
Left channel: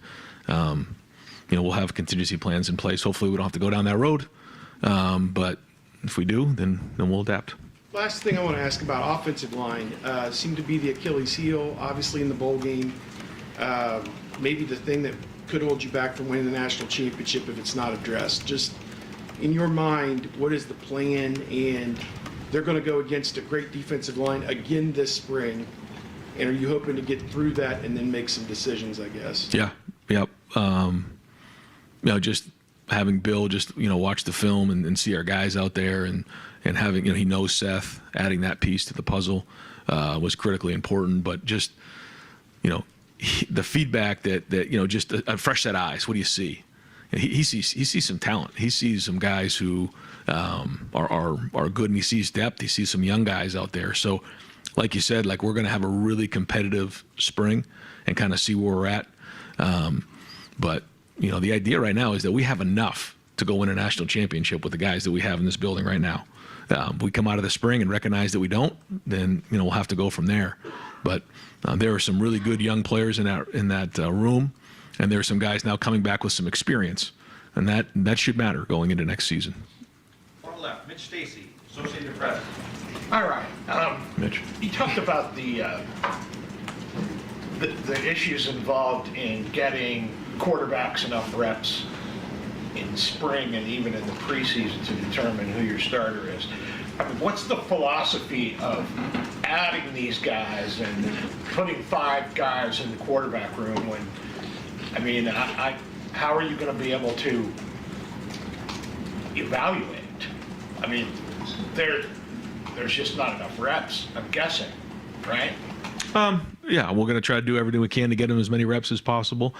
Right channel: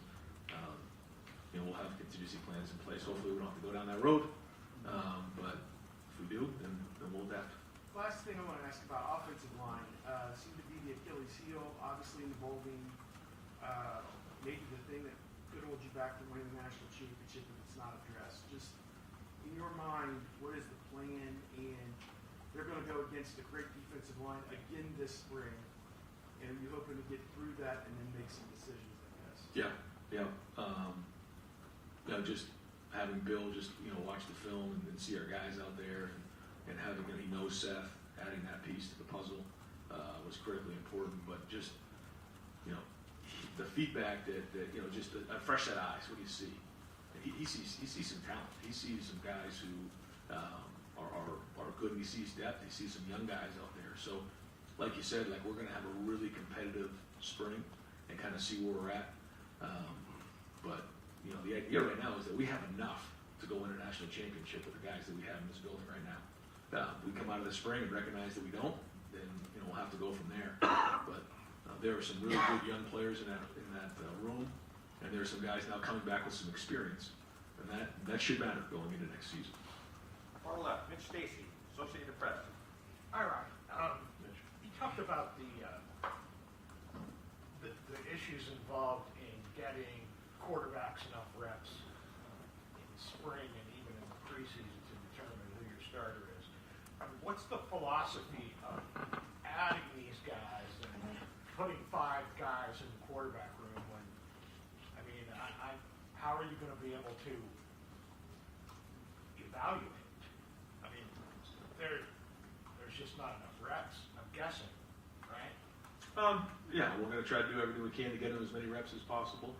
and, we'll have contingency plans in place. Hopefully we don't have to go down that road. But if we do, then we'll adapt. Last thing I want to ask about offensive line seemed to be the Achilles heel, obviously in the bowl game. Maybe the thing that could hold you back from winning the national championship if it's not addressed. Just in your mind, what is the plan? And they're going to go against a great defensive line again this spring. And are you hoping to get through that and then make some decisions, I guess? Yeah. Yep. Just having Bill just, watch the film and see our guys out there and having, he knows Seth, adding that piece to the puzzle was critically important. But just, the feedback that just a fresh set of eyes. What do you see? And he sees some talent. He sees some guys who are good, and he sees depth. He sees some young guys out there. So, like you said, we're going to have a really competitive spring and kind of see where we're at. But the idea right now is that we have enough to go win a national championship with the guys that we have in this building right now. We come out of the spring and recognize that we don't, then we'll have to go from there. But there are some really good young players in that room, and there are some guys now coming back with some experience, and that should matter going into next season. Far left, Mitch Stacy, Associated Press. All right. Mitch. You talked about the issues involved in getting quarterbacks enough reps in spring and even in the preseason to determine who your starter is. I mean, what's the philosophy of adding these guys and putting 5 guys in the quarterback room when, how are you going to be able to evaluate? I mean, there's just not enough reps, I'm guessing, right? Yeah, we're going to try to do everything we can to get him as many reps as possible.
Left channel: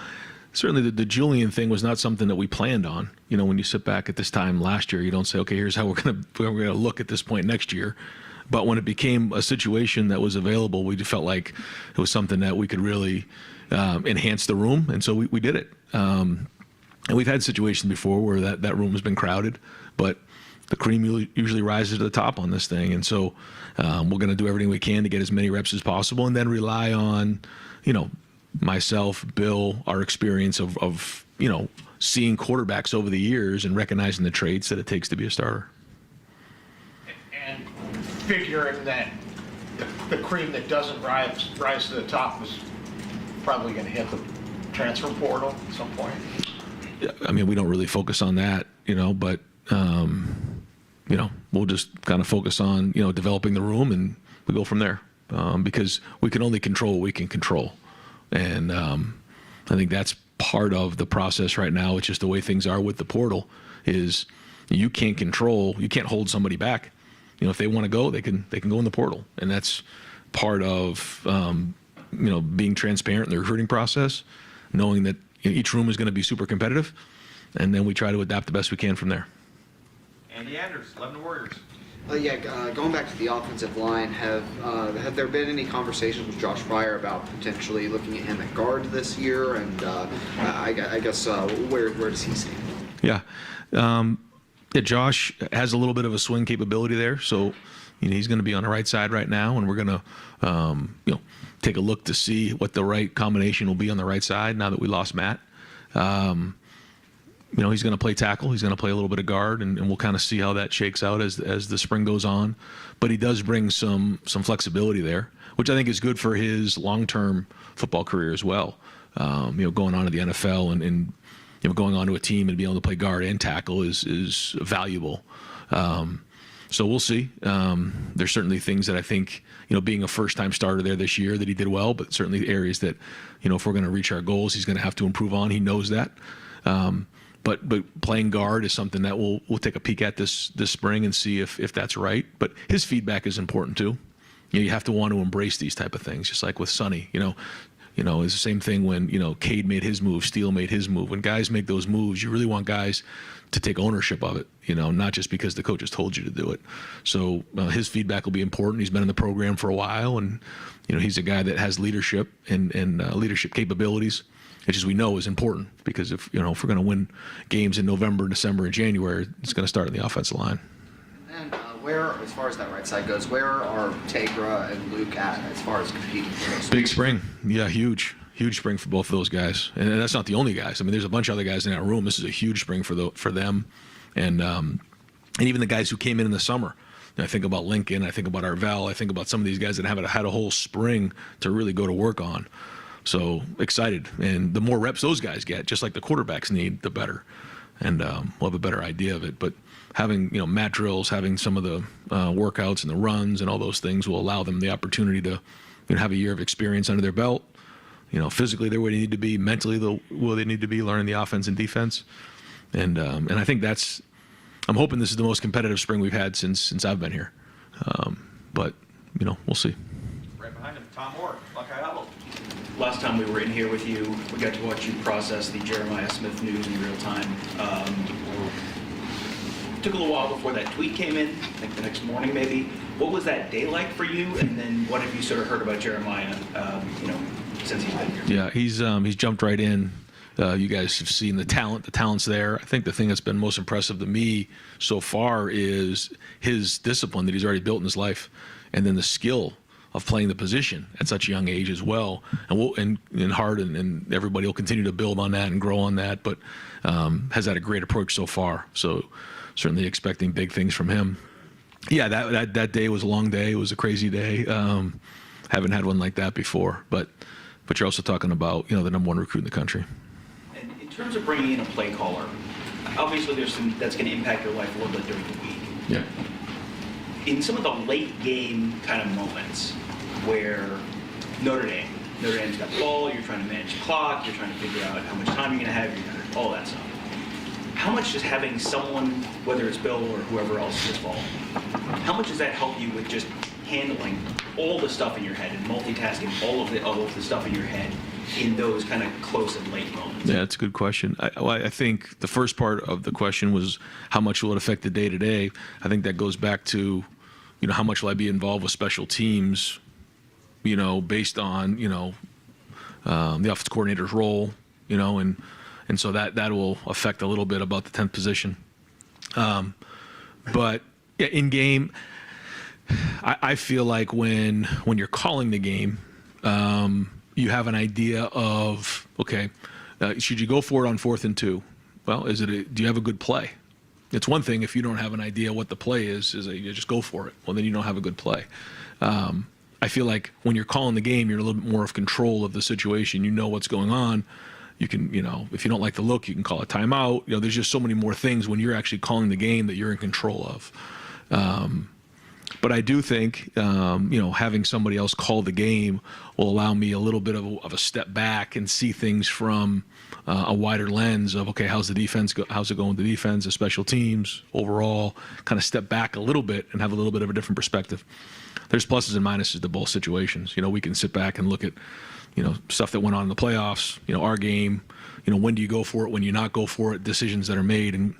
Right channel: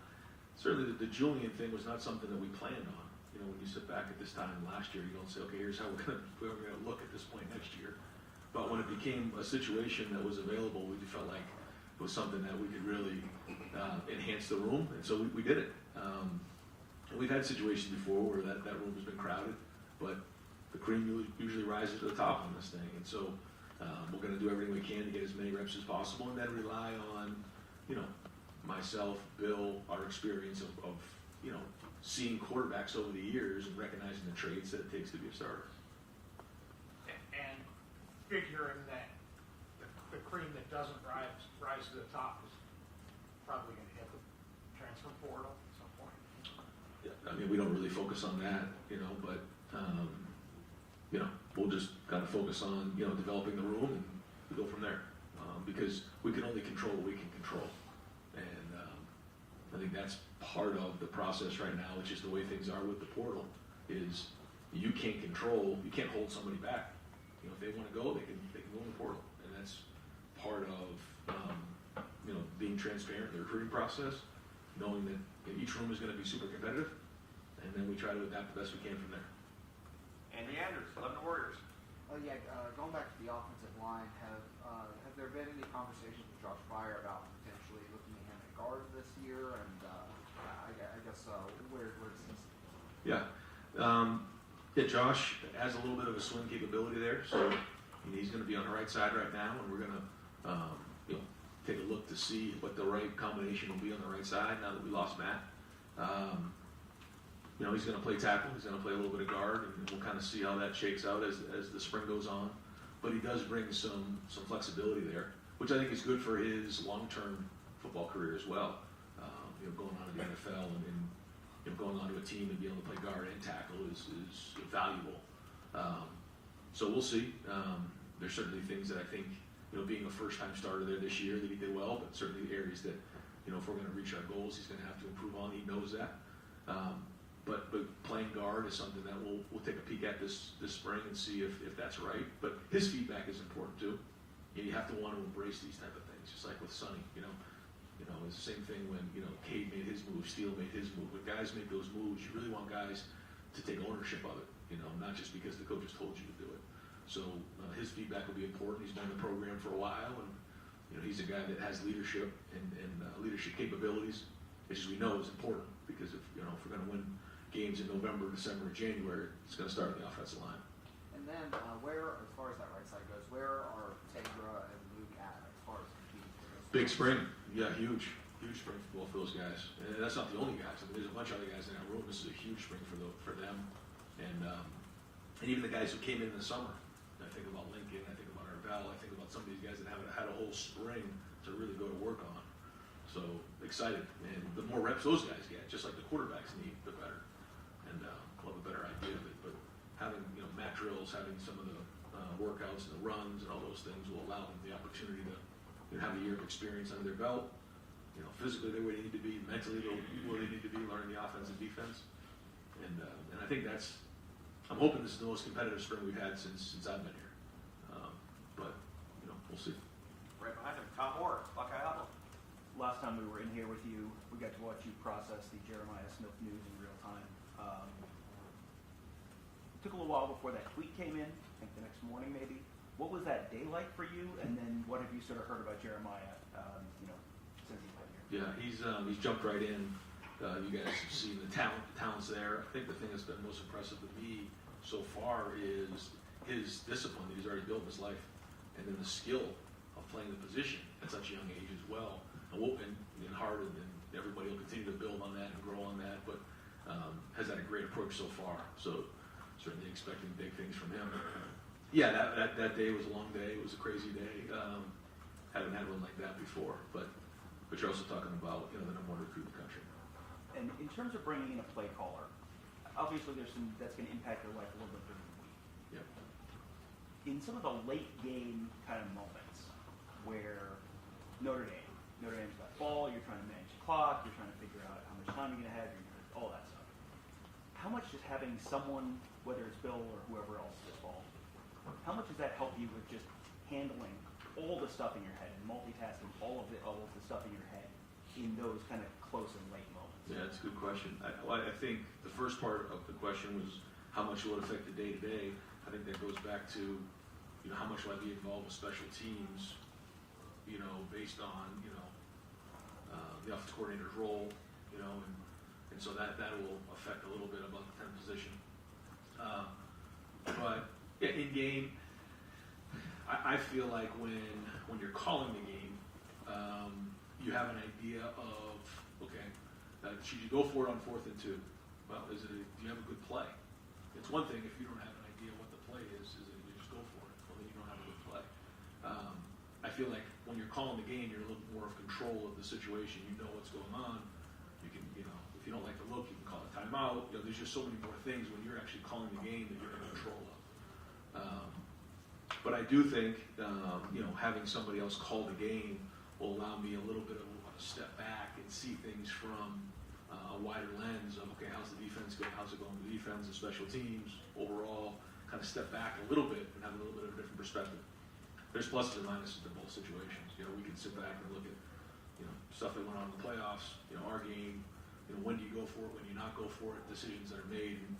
Certainly the Julian thing was not something that we planned on. When you sit back at this time last year, you don't say, okay, here's how we're going to look at this point next year. But when it became a situation that was available, we felt like it was something that we could really enhance the room, and so we did it. And we've had situations before where that room has been crowded, but the cream usually rises to the top on this thing. And so we're going to do everything we can to get as many reps as possible, and then rely on, myself, Bill, our experience of seeing quarterbacks over the years and recognizing the traits that it takes to be a starter. And figuring that the cream that doesn't rise to the top is probably going to hit the transfer portal at some point. Yeah, we don't really focus on that, but we'll just kind of focus on developing the room, and we go from there, because we can only control what we can control. And I think that's part of the process right now. It's just the way things are with the portal is you can't hold somebody back. If they want to go, they can go in the portal. And that's part of, being transparent in the recruiting process, knowing that each room is going to be super competitive. And then we try to adapt the best we can from there. Andy Anders, Lebanon Warriors. Going back to the offensive line, have there been any conversations with Josh Pryor about potentially looking at him at guard this year? And I guess where does he stand? Yeah. Josh has a little bit of a swing capability there, so he's going to be on the right side right now, and we're going to take a look to see what the right combination will be on the right side now that we lost Matt. He's going to play tackle. He's going to play a little bit of guard, and we'll kind of see how that shakes out as the spring goes on. But he does bring some flexibility there, which I think is good for his long-term football career as well. Going on to the NFL and going onto a team and being able to play guard and tackle is valuable. So we'll see. There's certainly things that I think, being a first-time starter there this year, that he did well, but certainly areas that, if we're going to reach our goals, he's going to have to improve on. He knows that. But playing guard is something that we'll take a peek at this spring and see if that's right. But his feedback is important too. You have to want to embrace these type of things, just like with Sonny. It's the same thing when Cade made his move, Steele made his move. When guys make those moves, you really want guys to take ownership of it. Not just because the coaches told you to do it. So his feedback will be important. He's been in the program for a while, and he's a guy that has leadership and leadership capabilities, which, as we know, is important, because if we're going to win games in November, December, and January, it's going to start in the offensive line. And then where, as far as that right side goes, where are Tegra and Luke at as far as competing for those? Big spring. Yeah, huge spring for both of those guys. And that's not the only guys. I mean, there's a bunch of other guys in that room. This is a huge spring for them. And even the guys who came in the summer. I think about Lincoln, I think about Arvell, I think about some of these guys that haven't had a whole spring to really go to work on. So excited. And the more reps those guys get, just like the quarterbacks need, the better. And we'll have a better idea of it. But having, mat drills, having some of the workouts and the runs and all those things will allow them the opportunity to have a year of experience under their belt. Physically they're where they need to be, mentally where they need to be, learning the offense and defense. And I think I'm hoping this is the most competitive spring we've had since I've been here. But we'll see. Right behind him, Tom Moore, Buckeye Huddle. Last time we were in here with you, we got to watch you process the Jeremiah Smith news in real time. Took a little while before that tweet came in, I think the next morning maybe. What was that day like for you? And then what have you sort of heard about Jeremiah, since he's been here? Yeah, he's jumped right in. You guys have seen the talent. The talent's there. I think the thing that's been most impressive to me so far is his discipline that he's already built in his life, and then the skill of playing the position at such a young age as well. And Harden and everybody will continue to build on that and grow on that, but has had a great approach so far. So certainly expecting big things from him. Yeah, that day was a long day. It was a crazy day. Haven't had one like that before, but you're also talking about the number one recruit in the country. And in terms of bringing in a play caller, obviously there's that's going to impact your life a little bit during the week. Yeah. In some of the late game kind of moments where Notre Dame's got the ball, you're trying to manage the clock, you're trying to figure out how much time you're going to have, all that stuff. How much does having someone, whether it's Bill or whoever else is involved, how much does that help you with just handling all the stuff in your head and multitasking all of the stuff in your head in those kind of close and late moments? Yeah, that's a good question. I think the first part of the question was how much will it affect the day-to-day. I think that goes back to, how much will I be involved with special teams, based on, the offensive coordinator's role, and so that will affect a little bit about the 10th position. But yeah, in game, I feel like when you're calling the game, you have an idea of, okay, should you go for it on 4th and 2? Well, do you have a good play? It's one thing if you don't have an idea what the play is you just go for it. Well, then you don't have a good play. I feel like when you're calling the game, you're a little bit more of control of the situation. You know what's going on. You can, if you don't like the look, you can call a timeout. There's just so many more things when you're actually calling the game that you're in control of. But I do think, having somebody else call the game will allow me a little bit of a step back and see things from a wider lens of, okay, how's the defense how's it going with the defense, the special teams, overall, kind of step back a little bit and have a little bit of a different perspective. There's pluses and minuses to both situations. We can sit back and look at, stuff that went on in the playoffs, our game, when do you go for it, when you not go for it, decisions that are made. And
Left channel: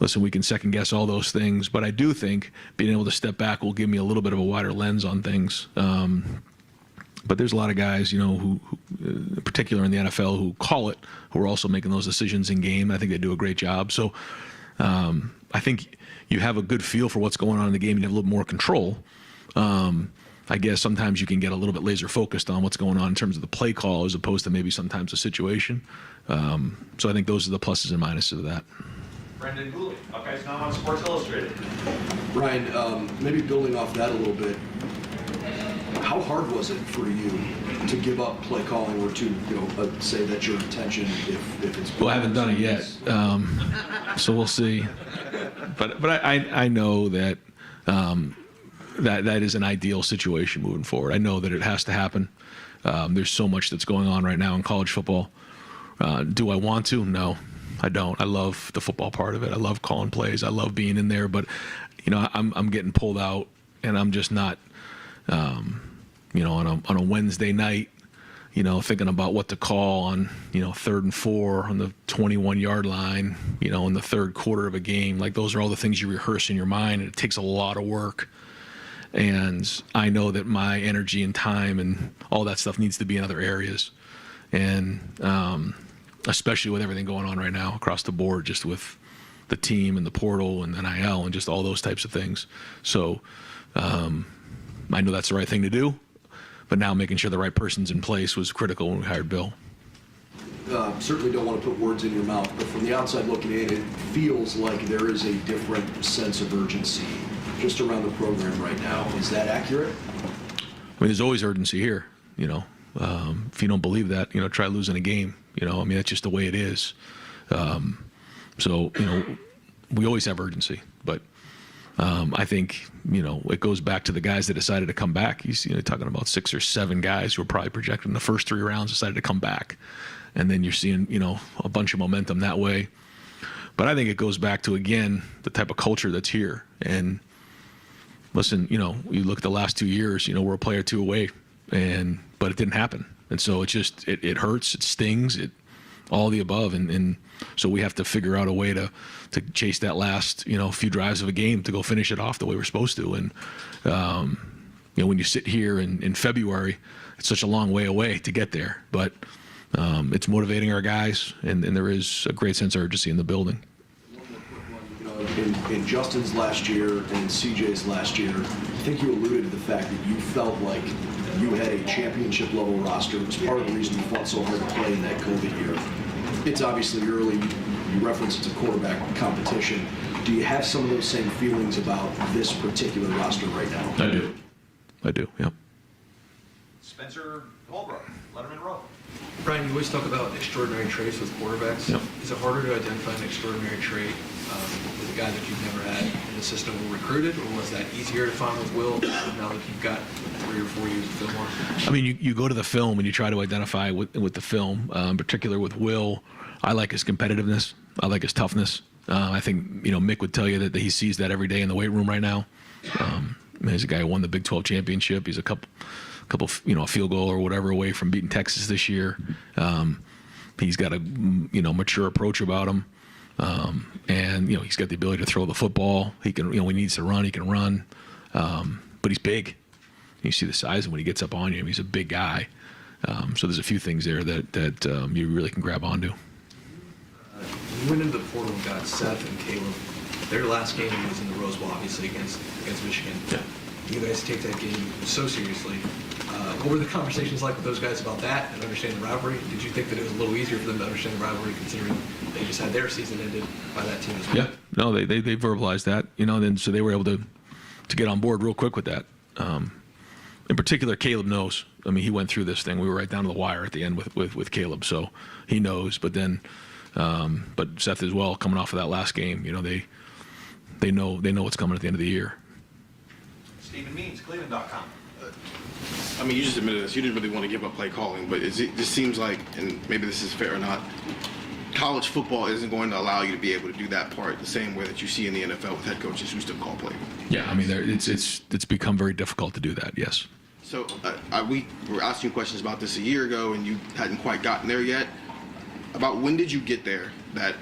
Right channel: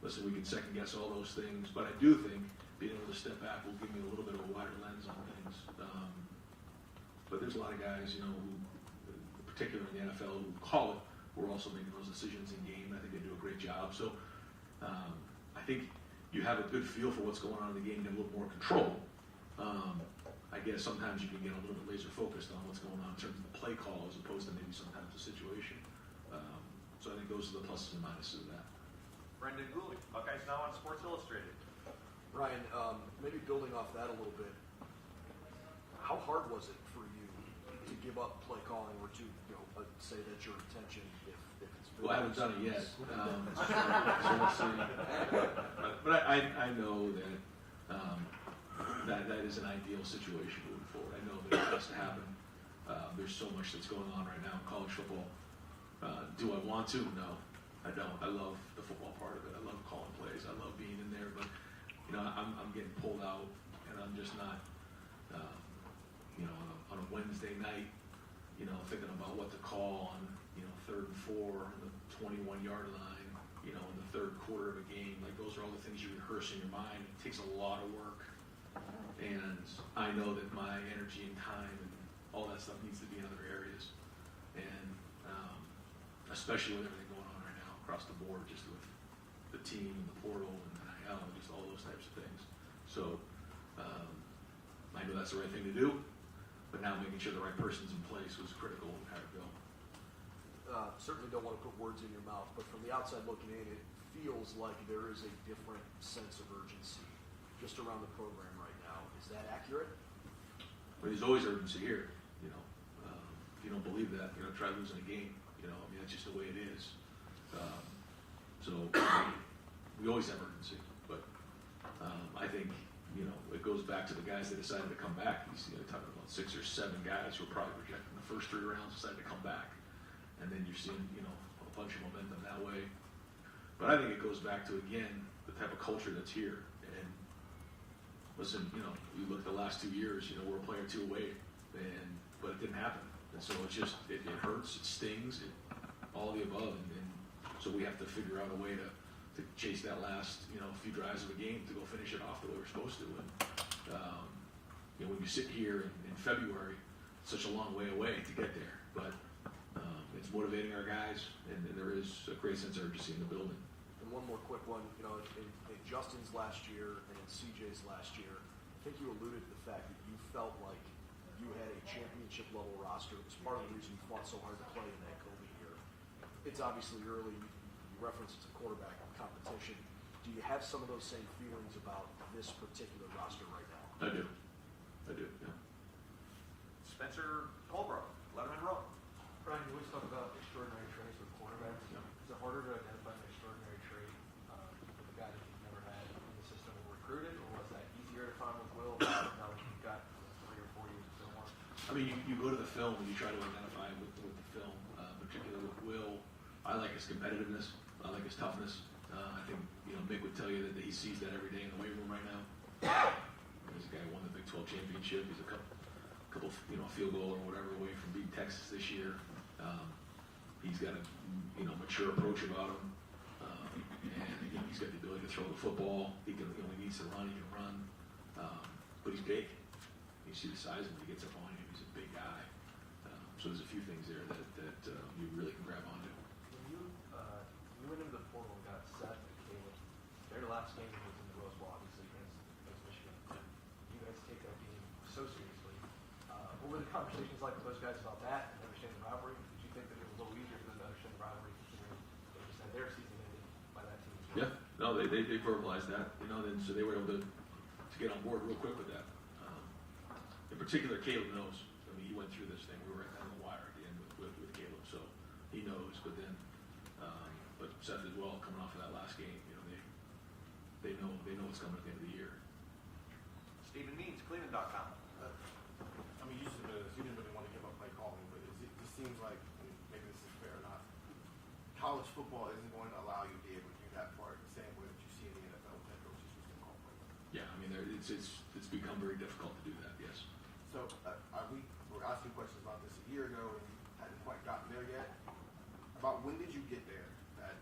listen, we can second guess all those things, but I do think being able to step back will give me a little bit of a wider lens on things. But there's a lot of guys, who in particular in the NFL, who call it, who are also making those decisions in game. I think they do a great job. So I think you have a good feel for what's going on in the game. You have a little more control. I guess sometimes you can get a little bit laser focused on what's going on in terms of the play call as opposed to maybe sometimes the situation. So I think those are the pluses and minuses of that. Brendan Gooley, Buckeyes Now on Sports Illustrated. Ryan, maybe building off that a little bit, How hard was it for you to give up play calling or to say that's your intention if it's? Well, I haven't done it yet, so we'll see. But I know that that is an ideal situation moving forward. I know that it has to happen. There's so much that's going on right now in college football. Do I want to? No, I don't. I love the football part of it. I love calling plays. I love being in there. But I'm getting pulled out, and I'm just not. On a Wednesday night, thinking about what to call on, 3rd and 4 on the 21-yard line, in the third quarter of a game. Like, those are all the things you rehearse in your mind, and it takes a lot of work. And I know that my energy and time and all that stuff needs to be in other areas. And especially with everything going on right now across the board, just with the team and the portal and NIL and just all those types of things. So I know that's the right thing to do. But now making sure the right person's in place was critical when we hired Bill. Certainly don't want to put words in your mouth, but from the outside looking in, it feels like there is a different sense of urgency just around the program right now. Is that accurate? I mean, there's always urgency here, If you don't believe that, try losing a game. That's just the way it is. So we always have urgency, but I think, it goes back to the guys that decided to come back. You're talking about 6 or 7 guys who were probably projected in the first 3 rounds decided to come back. And then you're seeing, a bunch of momentum that way. But I think it goes back to, again, the type of culture that's here. And listen, you look at the last 2 years, we're a player or 2 away, but it didn't happen. And so it just, it hurts, it stings, all the above. And so we have to figure out a way to chase that last, few drives of a game to go finish it off the way we're supposed to. And, when you sit here in February, it's such a long way away to get there. But it's motivating our guys, and there is a great sense of urgency in the building. One more quick one. In Justin's last year and CJ's last year, I think you alluded to the fact that you felt like you had a championship level roster. It was part of the reason you fought so hard to play in that COVID year. It's obviously early. You reference it's a quarterback competition. Do you have some of those same feelings about this particular roster right now? I do, yep. Spencer Holbrook, Letterman Row. Brian, you always talk about extraordinary traits with quarterbacks. Yep. Is it harder to identify an extraordinary trait with a guy that you've never had in the system or recruited, or was that easier to find with Will now that you've got 3 or 4 years of film on? I mean, you go to the film and you try to identify with the film, in particular with Will. I like his competitiveness. I like his toughness. I think, Mick would tell you that he sees that every day in the weight room right now. He's a guy who won the Big 12 championship. He's a couple, a field goal or whatever away from beating Texas this year. He's got a, mature approach about him. And, he's got the ability to throw the football. He can, when he needs to run, he can run. But he's big. You see the size of him when he gets up on you. He's a big guy. So there's a few things there that you really can grab onto. You went into the portal and got Seth and Caleb. Their last game was in the Rose Bowl, obviously, against Michigan. Yeah. You guys take that game so seriously. What were the conversations like with those guys about that and understanding the rivalry? Did you think that it was a little easier for them to understand the rivalry, considering they just had their season ended by that team as well? Yeah, no, they verbalized that, then so they were able to get on board real quick with that. In particular, Caleb knows. I mean, he went through this thing. We were right down to the wire at the end with Caleb, so he knows. But then, but Seth as well, coming off of that last game, they know what's coming at the end of the year. Stephen Means, Cleveland.com. I mean, you just admitted this. You didn't really want to give up play calling, but it just seems like, and maybe this is fair or not, college football isn't going to allow you to be able to do that part the same way that you see in the NFL with head coaches who still call play. Yeah, I mean, it's become very difficult to do that. Yes. So we were asking questions about this a year ago, and you hadn't quite gotten there yet. About when did you get there that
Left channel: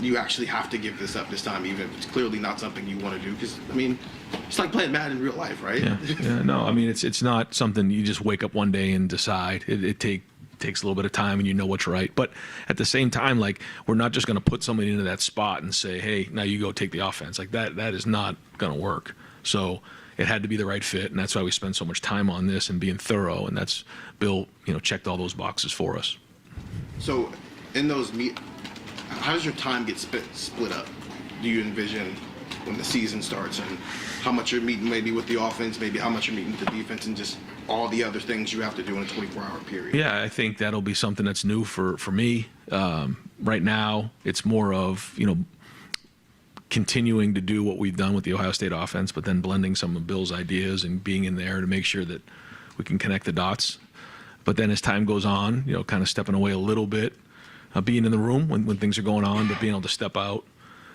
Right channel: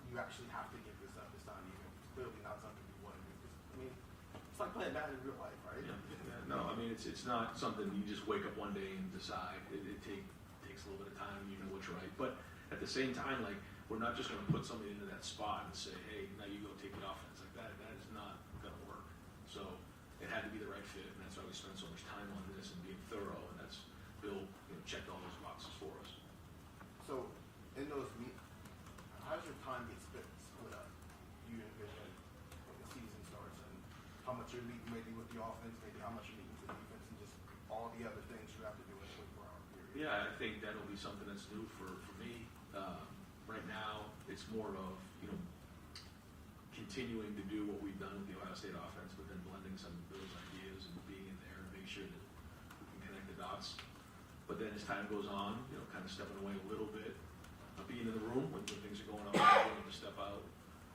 you actually have to give this up this time, even if it's clearly not something you want to do? Because, I mean, it's like playing Madden in real life, right? Yeah. No, I mean, it's not something you just wake up one day and decide. It takes a little bit of time, and you know what's right. But at the same time, like, we're not just going to put somebody into that spot and say, hey, now you go take the offense. Like, that is not going to work. So it had to be the right fit, and that's why we spend so much time on this and being thorough. And that's Bill, checked all those boxes for us. So in those how does your time get split up? Do you envision when the season starts, and how much you're meeting maybe with the offense, maybe how much you're meeting with the defense, and just all the other things you have to do in a 24-hour period. Yeah, I think that'll be something that's new for me. Right now, it's more of, continuing to do what we've done with the Ohio State offense, but then blending some of Bill's ideas and being in there to make sure that we can connect the dots. But then as time goes on, kind of stepping away a little bit, being in the room when things are going on, but being able to step out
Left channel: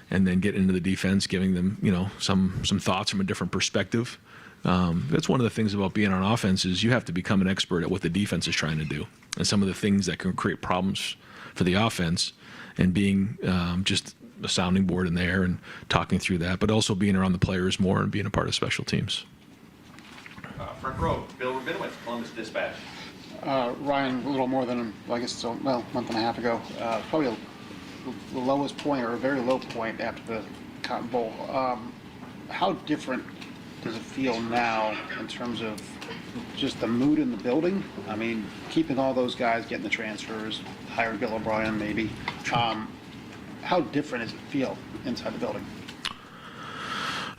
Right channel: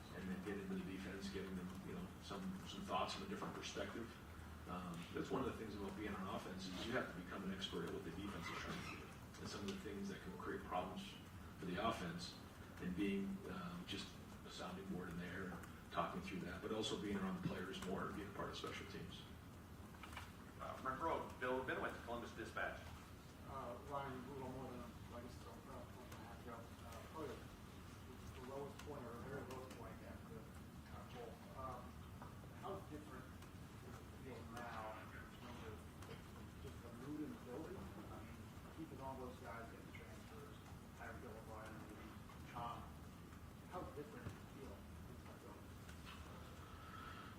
and then get into the defense, giving them, some thoughts from a different perspective. That's one of the things about being on offense is you have to become an expert at what the defense is trying to do and some of the things that can create problems for the offense, and being just a sounding board in there and talking through that, but also being around the players more and being a part of special teams. Front row, Bill Rabinowitz, Columbus Dispatch. Ryan, a little more than, I guess it's a month and a half ago, probably the lowest point or a very low point after the Cotton Bowl. How different does it feel now in terms of just the mood in the building? I mean, keeping all those guys, getting the transfers, hiring Bill O'Brien maybe. How different does it feel inside the building?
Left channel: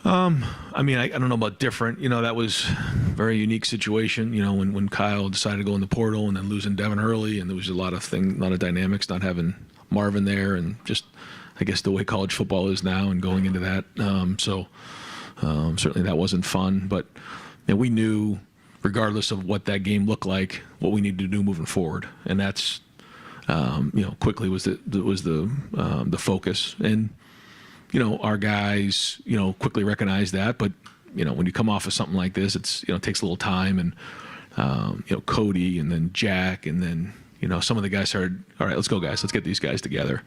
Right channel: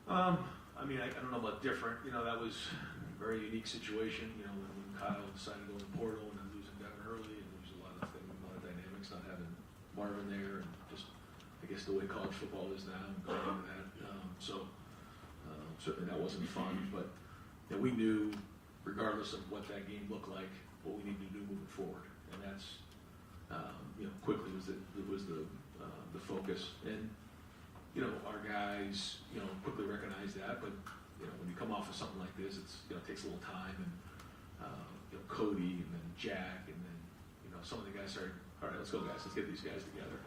I don't know about different. That was a very unique situation, when Kyle decided to go in the portal and then losing Devin Hurley, and there was a lot of dynamics, not having Marvin there, and just, I guess, the way college football is now and going into that. Certainly that wasn't fun, but we knew, regardless of what that game looked like, what we needed to do moving forward, and that's quickly was the focus. And our guys quickly recognized that, but when you come off of something like this, it takes a little time, and Cody and then Jack and then some of the guys started, all right, let's go, guys, let's get these guys together.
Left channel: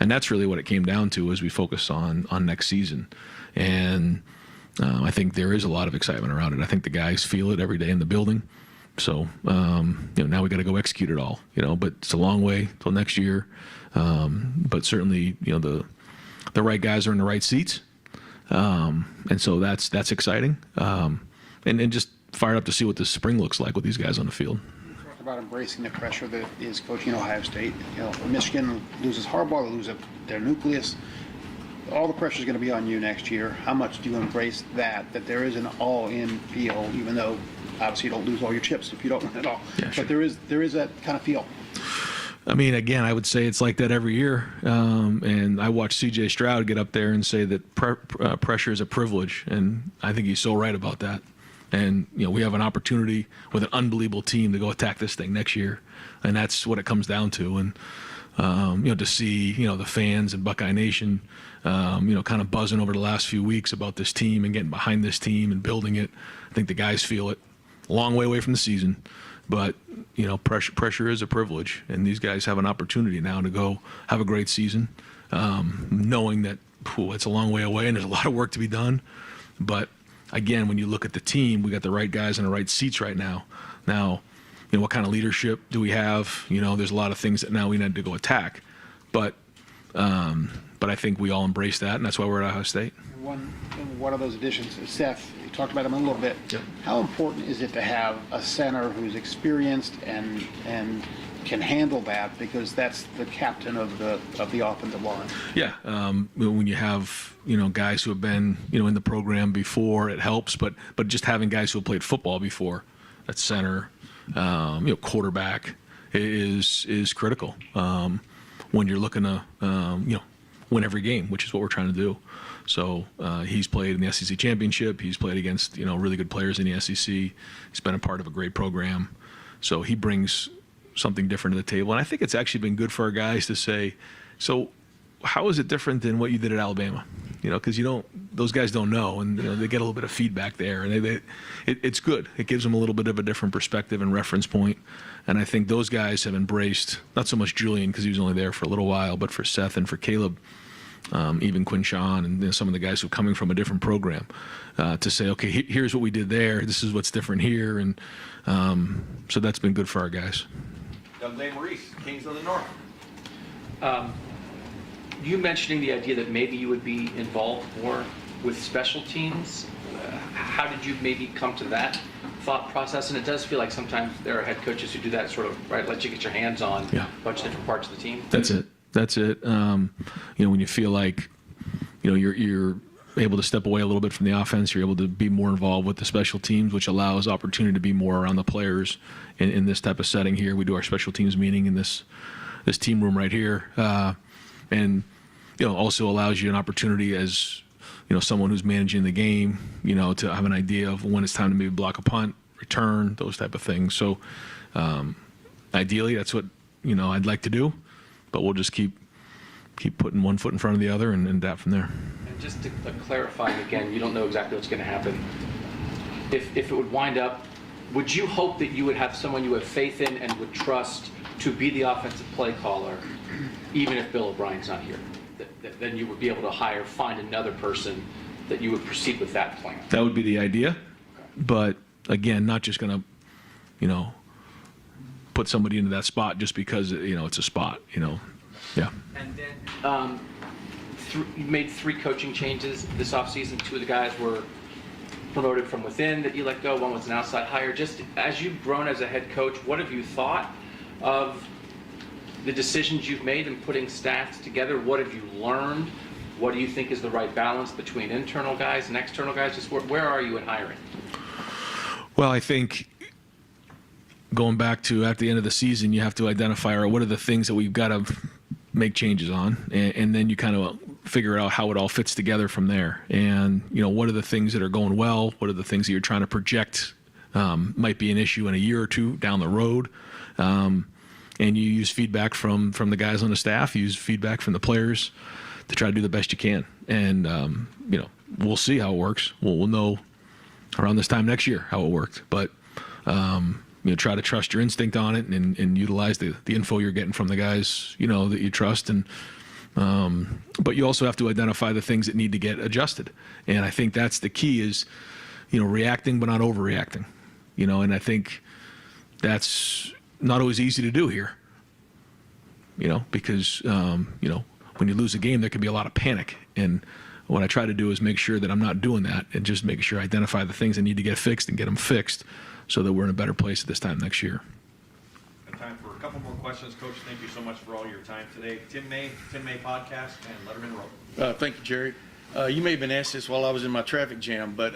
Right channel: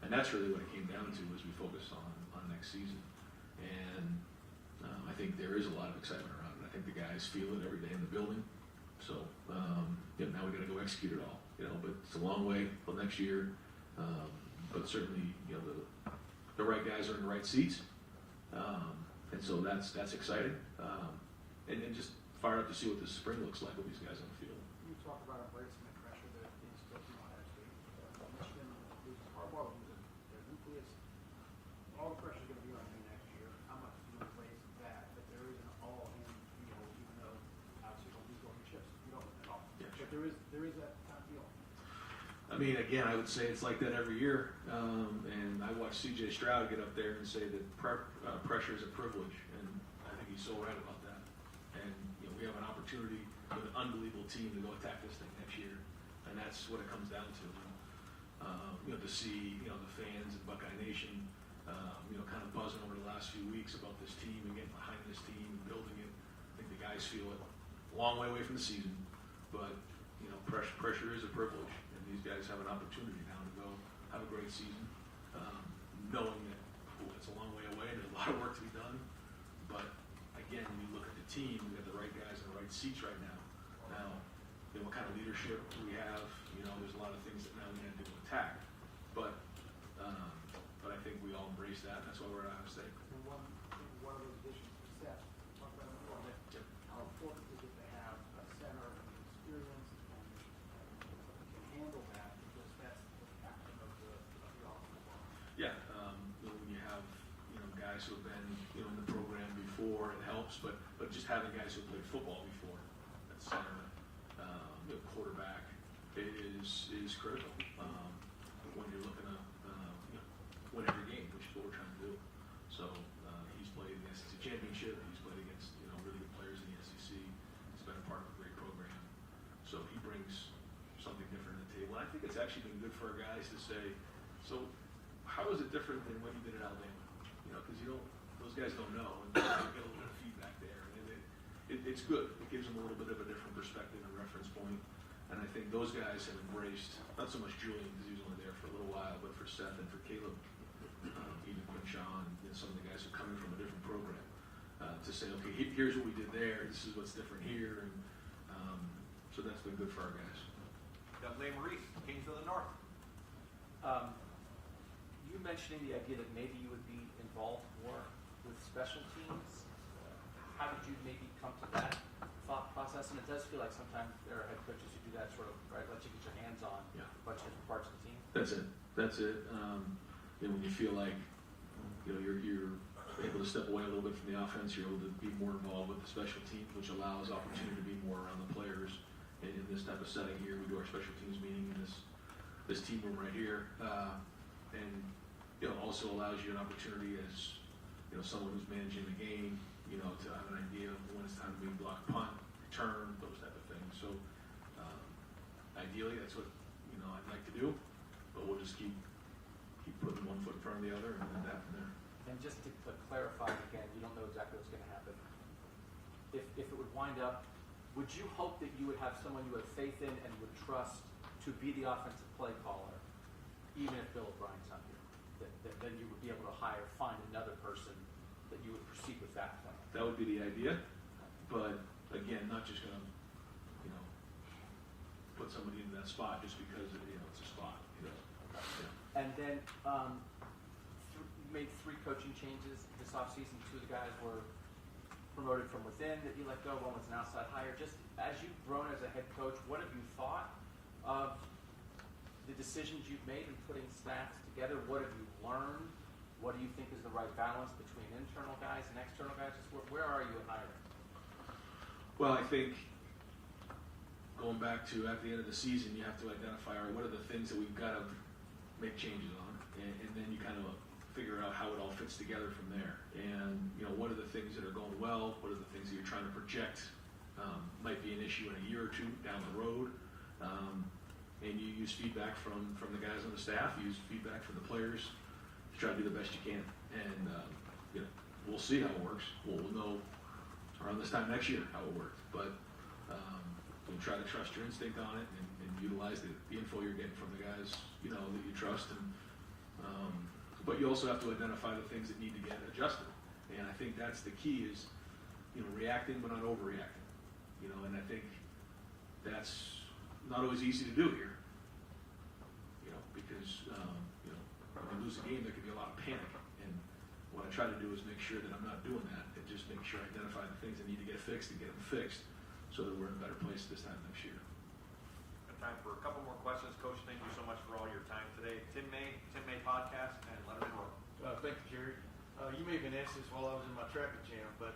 And that's really what it came down to as we focus on next season. And I think there is a lot of excitement around it. I think the guys feel it every day in the building. So, now we got to go execute it all, but it's a long way till next year. But certainly, the right guys are in the right seats. And so that's exciting. And just fired up to see what this spring looks like with these guys on the field. Talk about embracing the pressure that is coaching Ohio State. Michigan loses Harbaugh, they lose their nucleus. All the pressure is going to be on you next year. How much do you embrace that there is an all-in feel, even though obviously you don't lose all your chips if you don't win at all. Yeah, sure. But there is that kind of feel. Again, I would say it's like that every year. And I watched C.J. Stroud get up there and say that pressure is a privilege, and I think he's so right about that. And we have an opportunity with an unbelievable team to go attack this thing next year, and that's what it comes down to. And to see the fans and Buckeye Nation, kind of buzzing over the last few weeks about this team and getting behind this team and building it. I think the guys feel it. A long way away from the season, but pressure is a privilege, and these guys have an opportunity now to go have a great season, knowing that it's a long way away and there's a lot of work to be done. But again, when you look at the team, we got the right guys in the right seats right now. Now, what kind of leadership do we have? There's a lot of things that now we need to go attack, but I think we all embrace that, and that's why we're at Ohio State. One of those additions, Seth, you talked about him a little bit. Yep. How important is it to have a center who's experienced and can handle that, because that's the captain of the offensive line? Yeah, when you have guys who have been in the program before, it helps. But just having guys who have played football before at center, quarterback is critical when you're looking to win every game, which is what we're trying to do. So he's played in the SEC championship. He's played against really good players in the SEC. He's been a part of a great program. So he brings something different to the table. And I think it's actually been good for our guys to say, so how is it different than what you did at Alabama? Because those guys don't know, and they get a little bit of feedback there, and it's good. It gives them a little bit of a different perspective and reference point. And I think those guys have embraced, not so much Julian because he was only there for a little while, but for Seth and for Caleb, even Quinshawn and some of the guys who are coming from a different program, to say, okay, here's what we did there. This is what's different here, and so that's been good for our guys. Douglas Maurice, Kings of the North. You mentioning the idea that maybe you would be involved more with special teams. How did you maybe come to that thought process? And it does feel like sometimes there are head coaches who do that sort of, right, let you get your hands on a bunch of different parts of the team. That's it. When you feel like, you're able to step away a little bit from the offense. You're able to be more involved with the special teams, which allows opportunity to be more around the players in this type of setting here. We do our special teams meeting in this team room right here, and also allows you an opportunity as someone who's managing the game, to have an idea of when it's time to maybe block a punt, return, those type of things. So ideally, that's what I'd like to do, but we'll just keep putting one foot in front of the other and adapt from there. And just to clarify again, you don't know exactly what's going to happen. If it would wind up, would you hope that you would have someone you have faith in and would trust to be the offensive play caller, even if Bill O'Brien's not here? Then you would be able to find another person that you would proceed with that plan. That would be the idea, but again, not just going to, put somebody into that spot just because it's a spot. Yeah. And then you made 3 coaching changes this offseason. 2 of the guys were promoted from within that you let go. 1 was an outside hire. Just as you've grown as a head coach, what have you thought of the decisions you've made in putting staffs together? What have you learned? What do you think is the right balance between internal guys and external guys? Just where are you in hiring? Well, I think going back to at the end of the season, you have to identify what are the things that we've got to make changes on, and then you kind of figure out how it all fits together from there. And what are the things that are going well? What are the things that you're trying to project might be an issue in a year or 2 down the road? And you use feedback from the guys on the staff. You use feedback from the players to try to do the best you can. And we'll see how it works. We'll know around this time next year how it worked. But try to trust your instinct on it and utilize the info you're getting from the guys that you trust. And but you also have to identify the things that need to get adjusted. And I think that's the key is reacting but not overreacting. And I think that's not always easy to do here. Because when you lose a game, there can be a lot of panic. And what I try to do is make sure that I'm not doing that and just make sure I identify the things that need to get fixed and get them fixed so that we're in a better place at this time next year. Time for a couple more questions. Coach, thank you so much for all your time today. Tim May Podcast, and Letterman Roll. Thank you, Jerry. You may have been asked this while I was in my traffic jam, but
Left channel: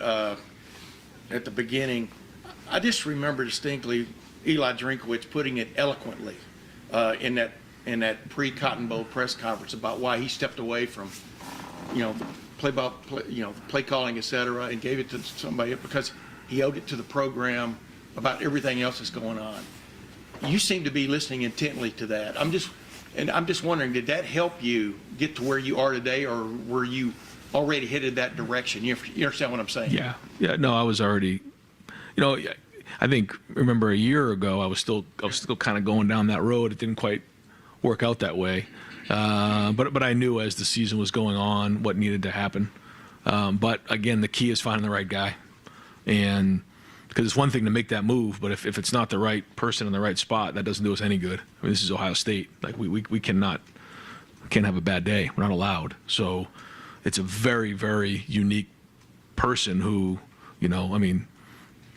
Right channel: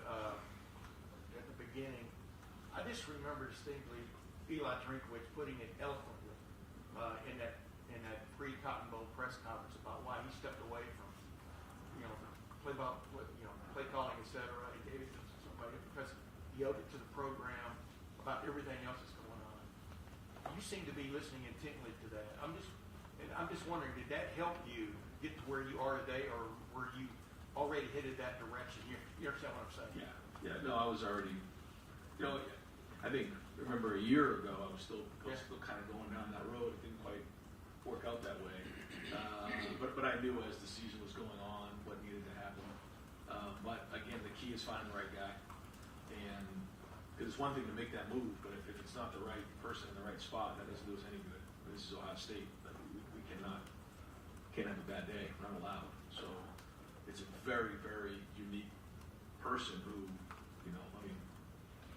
at the beginning, I just remember distinctly Eli Drinkowitz putting it eloquently in that pre-Cotton Bowl press conference about why he stepped away from, play calling, etc., and gave it to somebody because he owed it to the program about everything else that's going on. You seem to be listening intently to that. I'm just wondering, did that help you get to where you are today, or were you already headed that direction? You understand what I'm saying? Yeah. No, I was already. I think remember a year ago I was still kind of going down that road. It didn't quite work out that way, but I knew as the season was going on what needed to happen. But again, the key is finding the right guy. And because it's one thing to make that move, but if it's not the right person in the right spot, that doesn't do us any good. I mean, this is Ohio State. Like we can't have a bad day. We're not allowed. So it's a very, very unique person who,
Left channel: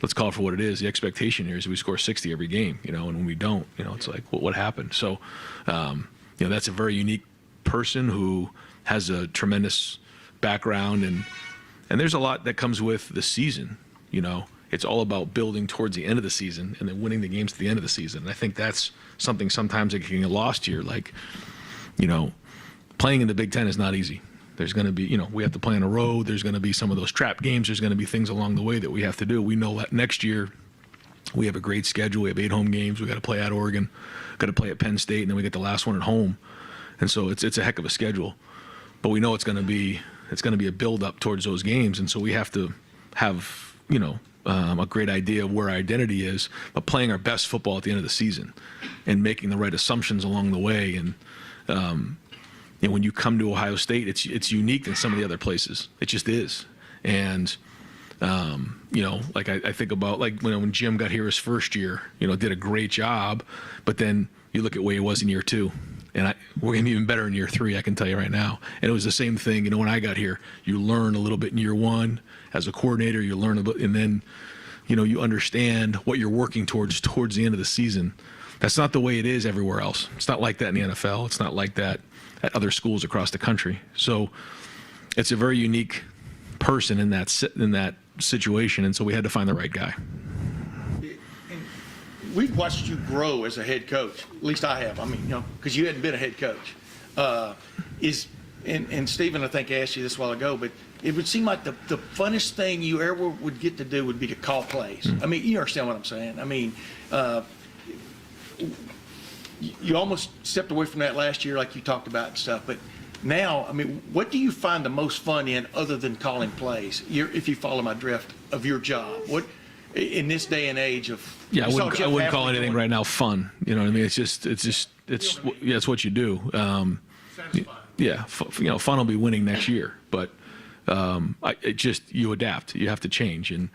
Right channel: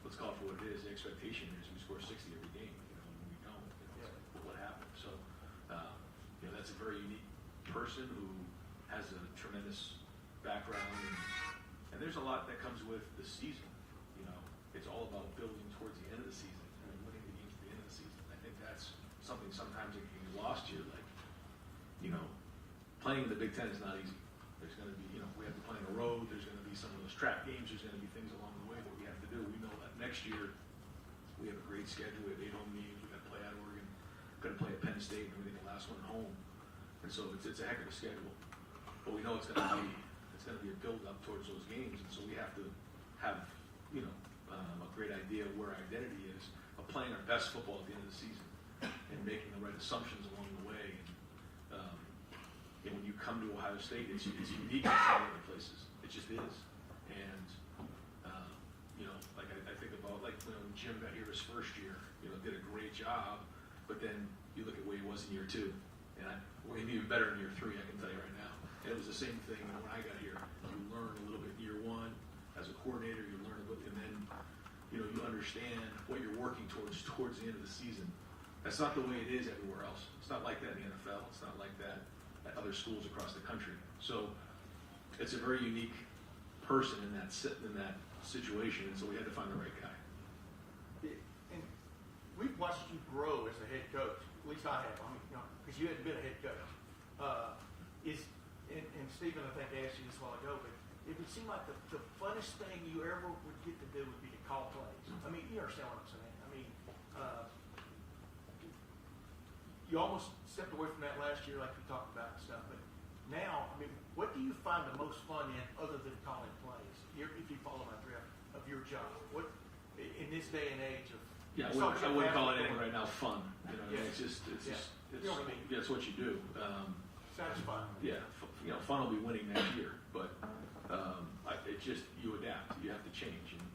let's call it for what it is. The expectation here is we score 60 every game, and when we don't, it's like, what happened? So, that's a very unique person who has a tremendous background, and there's a lot that comes with the season. It's all about building towards the end of the season and then winning the games at the end of the season. And I think that's something sometimes that can get lost here. Like, playing in the Big Ten is not easy. There's going to be, we have to play on a road. There's going to be some of those trap games. There's going to be things along the way that we have to do. We know that next year we have a great schedule. We have 8 home games. We got to play at Oregon, got to play at Penn State, and then we get the last one at home. And so it's a heck of a schedule. But we know it's going to be a build up towards those games. And so we have to have, a great idea of where our identity is, but playing our best football at the end of the season and making the right assumptions along the way. And when you come to Ohio State, it's unique in some of the other places. It just is. And like I think about like when Jim got here his first year, did a great job, but then you look at where he was in year 2. And we're going to be even better in year 3, I can tell you right now. And it was the same thing, when I got here. You learn a little bit in year 1 as a coordinator. You learn a bit, and then, you understand what you're working towards the end of the season. That's not the way it is everywhere else. It's not like that in the NFL. It's not like that at other schools across the country. So it's a very unique person in that situation, and so we had to find the right guy. We've watched you grow as a head coach. At least I have. I mean, because you hadn't been a head coach. And Stephen, I think, asked you this a while ago, but it would seem like the funnest thing you ever would get to do would be to call plays. I mean, you understand what I'm saying. I mean, you almost stepped away from that last year, like you talked about and stuff. But now, I mean, what do you find the most fun in other than calling plays? If you follow my drift of your job, what in this day and age of I wouldn't call anything right now fun. You know what I mean? It's what you do. Fun will be winning next year, but you adapt. You have to change, and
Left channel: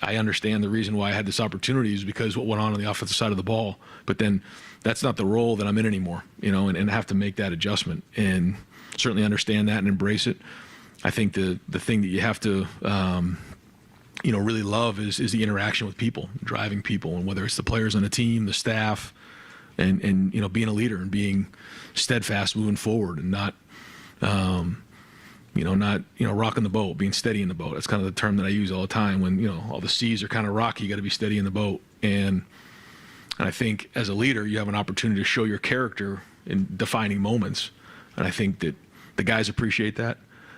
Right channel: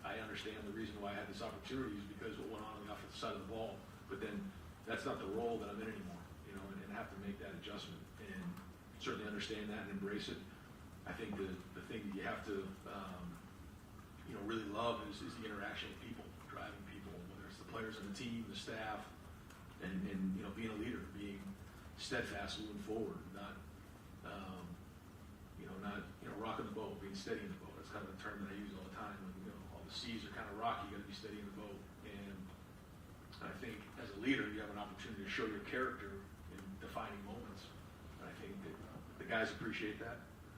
I understand the reason why I had this opportunity is because what went on the offensive side of the ball. But then that's not the role that I'm in anymore, and have to make that adjustment, and certainly understand that and embrace it. I think the thing that you have to really love is the interaction with people, driving people, and whether it's the players on the team, the staff, and being a leader and being steadfast moving forward and not rocking the boat, being steady in the boat. That's kind of the term that I use all the time when all the seas are kind of rocky. You got to be steady in the boat, and I think as a leader you have an opportunity to show your character in defining moments, and I think that the guys appreciate that.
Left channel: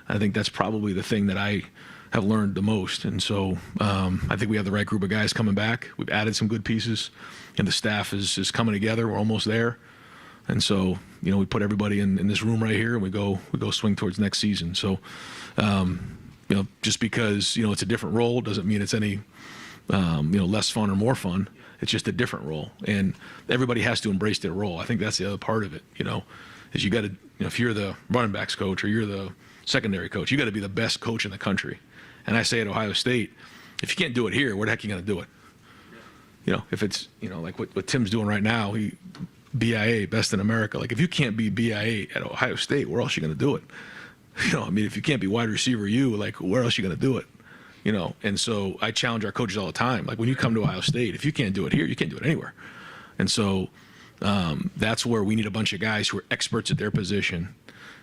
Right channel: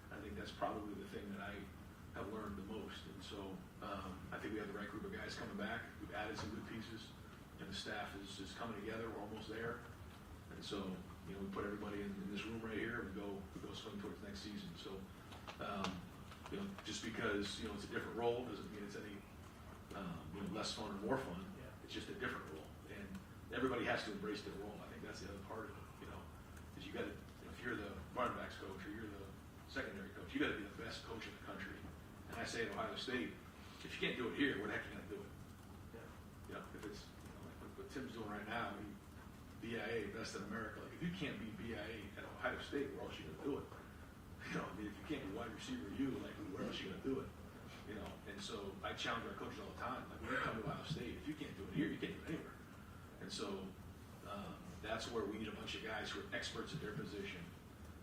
I think that's probably the thing that I have learned the most. And so I think we have the right group of guys coming back. We've added some good pieces, and the staff is coming together. We're almost there. And so, we put everybody in this room right here, and we go swing towards next season. So, just because, it's a different role doesn't mean it's any, less fun or more fun. It's just a different role. And everybody has to embrace their role. I think that's the other part of it, is you got to, if you're the running backs coach or you're the secondary coach, you got to be the best coach in the country. And I say at Ohio State, if you can't do it here, where the heck are you going to do it? If it's, like what Tim's doing right now, BIA, best in America. Like, if you can't be BIA at Ohio State, where else are you going to do it? If you can't be wide receiver like, where else are you going to do it? And so I challenge our coaches all the time. Like, when you come to Ohio State, if you can't do it here, you can't do it anywhere. And so that's where we need a bunch of guys who are experts at their position.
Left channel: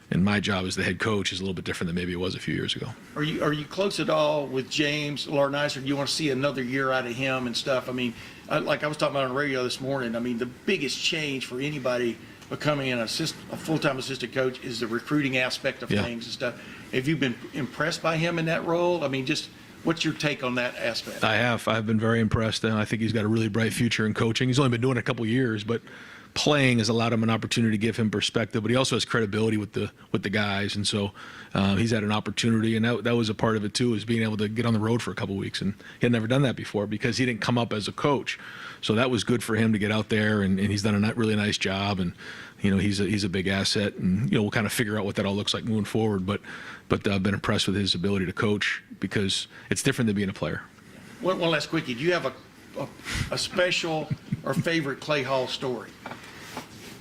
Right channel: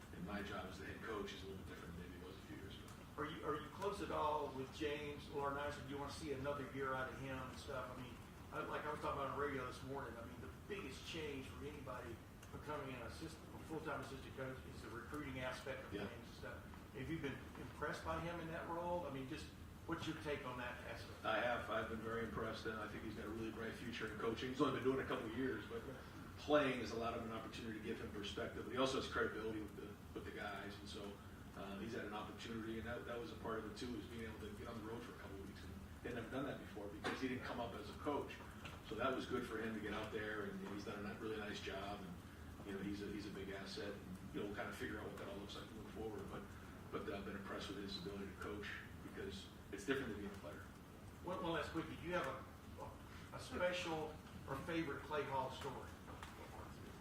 And my job as the head coach is a little bit different than maybe it was a few years ago. Are you close at all with James Larnicer? Do you want to see another year out of him and stuff? I mean, like I was talking about on the radio this morning, I mean, the biggest change for anybody becoming a full-time assistant coach is the recruiting aspect of things and stuff. Have you been impressed by him in that role? I mean, just what's your take on that aspect? I have. I've been very impressed, and I think he's got a really bright future in coaching. He's only been doing it a couple years, but playing has allowed him an opportunity to give him perspective, but he also has credibility with the guys, and so he's had an opportunity, and that was a part of it too, is being able to get on the road for a couple weeks, and he had never done that before because he didn't come up as a coach, so that was good for him to get out there, and he's done a really nice job, and he's a big asset, and we'll kind of figure out what that all looks like moving forward, but I've been impressed with his ability to coach because it's different than being a player. One last quickie. Do you have a special or favorite Clay Hall story?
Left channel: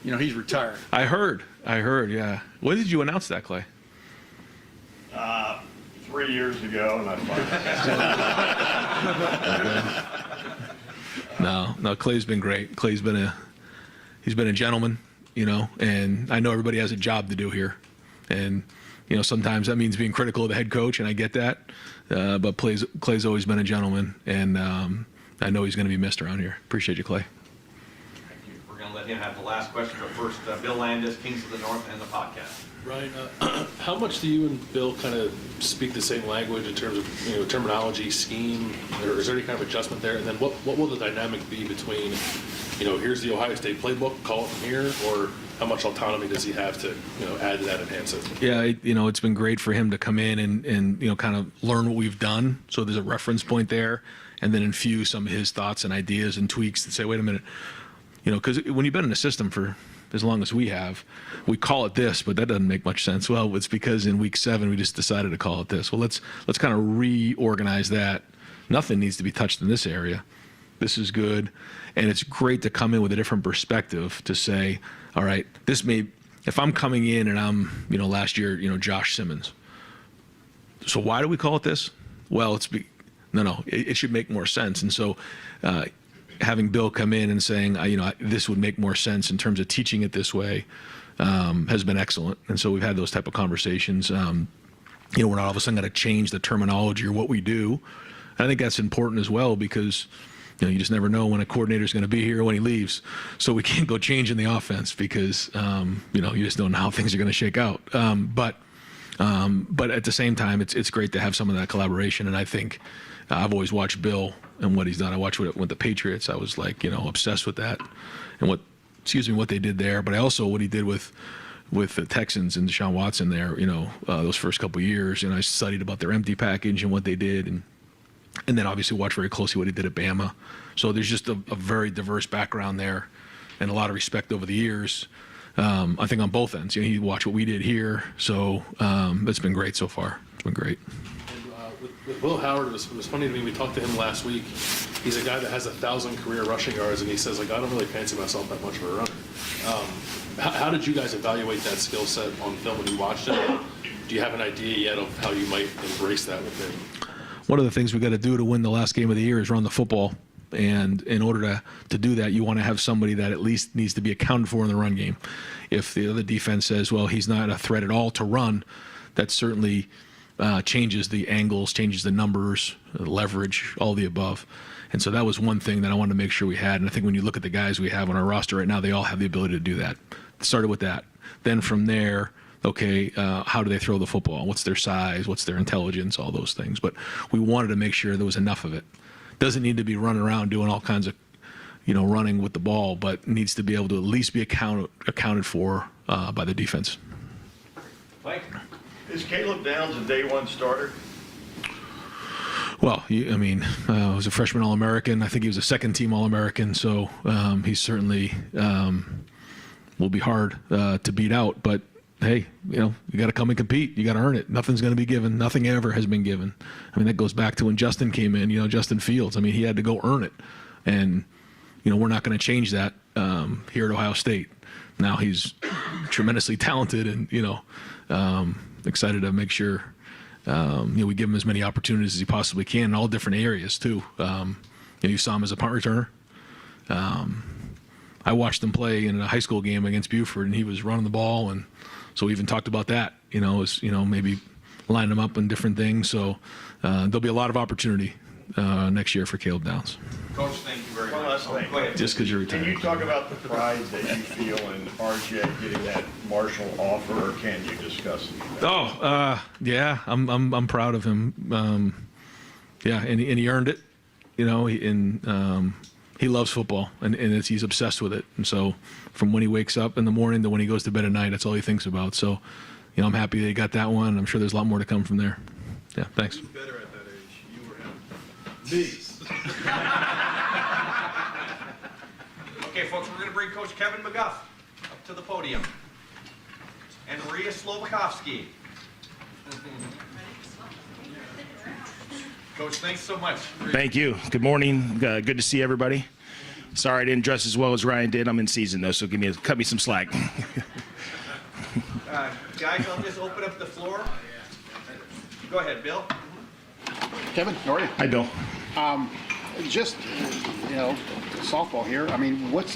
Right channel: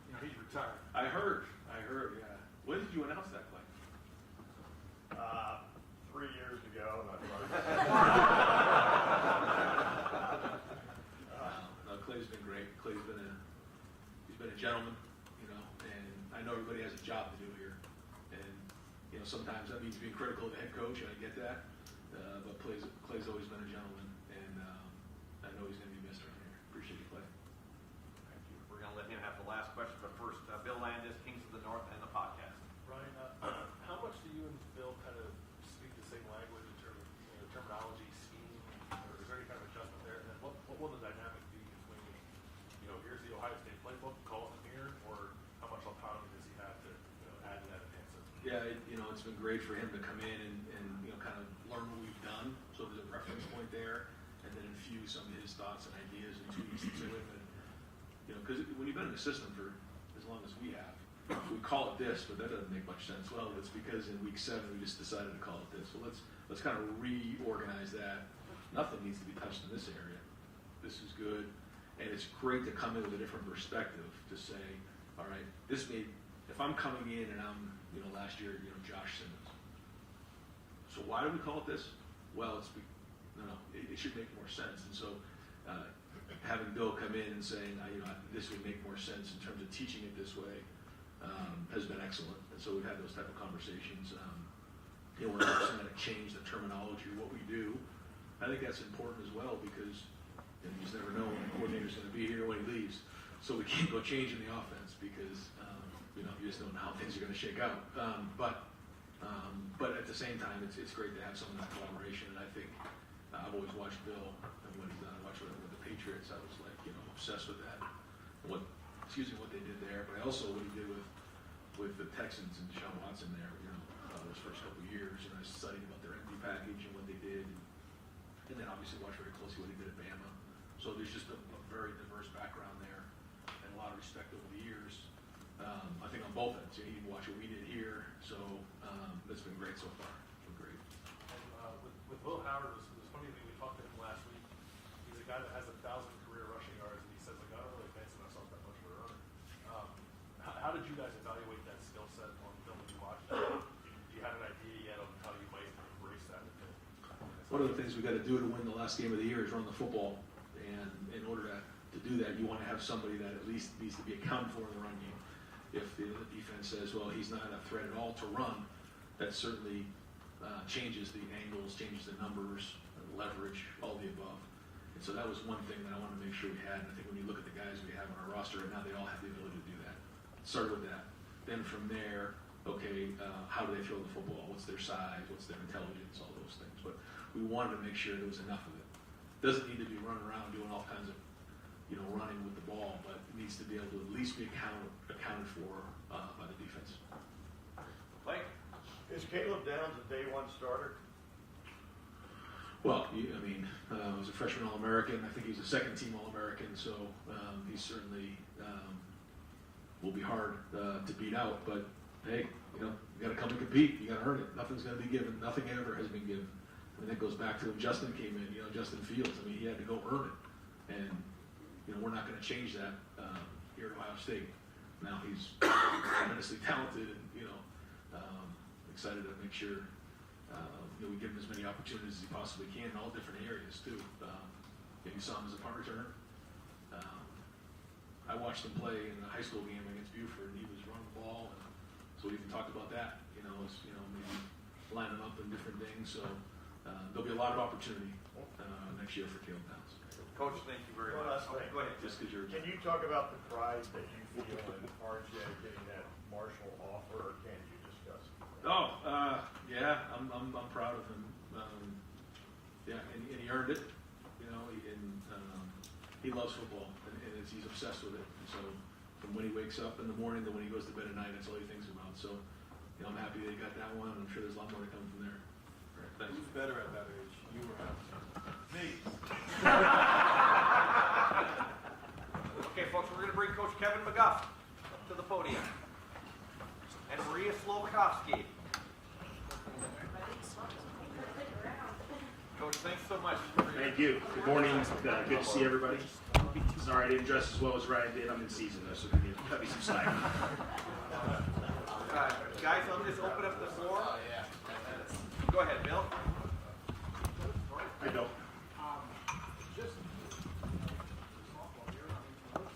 He's retired. I heard, yeah. When did you announce that, Clay? 3 years ago, and I finally. No, Clay's been great. Clay's been he's been a gentleman, and I know everybody has a job to do here. And, sometimes that means being critical of the head coach, and I get that. But Clay's always been a gentleman, and I know he's going to be missed around here. Appreciate you, Clay. We're going to let him have the last question, but first, Bill Landis, Kings of the North, and the podcast. Ryan, how much do you and Bill kind of speak the same language in terms of terminology, scheme, or is there any kind of adjustment there? And then what will the dynamic be between, here's the Ohio State playbook, call it from here, or how much autonomy does he have to add to that, enhance it? Yeah, it's been great for him to come in and kind of learn what we've done, so there's a reference point there, and then infuse some of his thoughts and ideas and tweaks and say, wait a minute, because when you've been in a system for as long as we have, we call it this, but that doesn't make much sense. Well, it's because in week 7 we just decided to call it this. Well, let's kind of reorganize that. Nothing needs to be touched in this area. This is good, and it's great to come in with a different perspective to say, all right, if I'm coming in and I'm, last year, Josh Simmons. So why do we call it this? Well, it should make more sense, and so. Having Bill come in and saying, this would make more sense in terms of teaching it this way, has been excellent. And so we've had those type of conversations. we're not all of a sudden going to change the terminology or what we do. And I think that's important as well because, you just never know when a coordinator is going to be here or when he leaves. So we can't go changing the offense because, you just don't know how things are going to shake out. But at the same time, it's great to have some of that collaboration. And I think I've always watched Bill and what he's done. I watched with the Patriots. I was like, obsessed with that and what they did there. But I also what he did with the Texans and Deshaun Watson there, those first couple of years. And I studied about their empty package and what they did. And then obviously watch very closely what he did at Bama. So there's just a very diverse background there and a lot of respect over the years. I think on both ends, he watched what we did here. So it's been great so far. It's been great. And with Will Howard, it was funny to me. We talked to him last week. He's a guy that has 1,000 career rushing yards, and he says, I don't really fancy myself that much of a runner. How did you guys evaluate that skill set on film when you watched it? Do you have an idea yet of how you might embrace that with him? One of the things we got to do to win the last game of the year is run the football. And in order to do that, you want to have somebody that at least needs to be accounted for in the run game. If the other defense says, well, he's not a threat at all to run, that certainly changes the angles, changes the numbers, leverage, all the above. And so that was one thing that I wanted to make sure we had. And I think when you look at the guys we have on our roster right now, they all have the ability to do that. It started with that. Then from there, okay, how do they throw the football? What's their size? What's their intelligence? All those things. But we wanted to make sure there was enough of it. Doesn't need to be running around doing all kinds of, running with the ball, but needs to be able to at least be accounted for by the defense. Mike? Is Caleb Downs a day one starter? Well, he was a freshman All-American. I think he was a second-team All-American, so he certainly will be hard to beat out. But hey, you got to come and compete. You got to earn it. Nothing's going to be given. Nothing ever has been given. That goes back to when Justin came in, Justin Fields. He had to go earn it. And, we're not going to change that here at Ohio State. Now he's tremendously talented and, excited to make sure, we give him as many opportunities as he possibly can in all different areas too. You saw him as a punt returner. I watched him play in a high school game against Buford and he was running the ball. And so we even talked about that, maybe line him up in different things. So there'll be a lot of opportunity next year for Caleb Downs. Coach, thank you very much. One last thing. Go ahead. Just because you're retired. Can you talk about the pride that you feel in RJ getting that Marshall offer, or can you discuss it? Yeah, I'm proud of him. And he earned it, he loves football and he's obsessed with it. And so from when he wakes up in the morning to when he goes to bed at night, that's all he thinks about. So, I'm happy that he got that one. I'm sure there's a lot more to come from there. Yeah, thanks. Who's better at that age, you or him? Me. Okay, folks, we're going to bring Coach Kevin McGuff up to the podium. And Maria Slovakovsky. Coach, thanks so much. Thank you. Good morning. Good to see everybody. Sorry I didn't dress as well as Ryan did. I'm in season though, so cut me some slack. Guys, I'll just open up the floor. Go ahead, Bill. Kevin, how are you? Hi, Bill. Just, softball here. What's the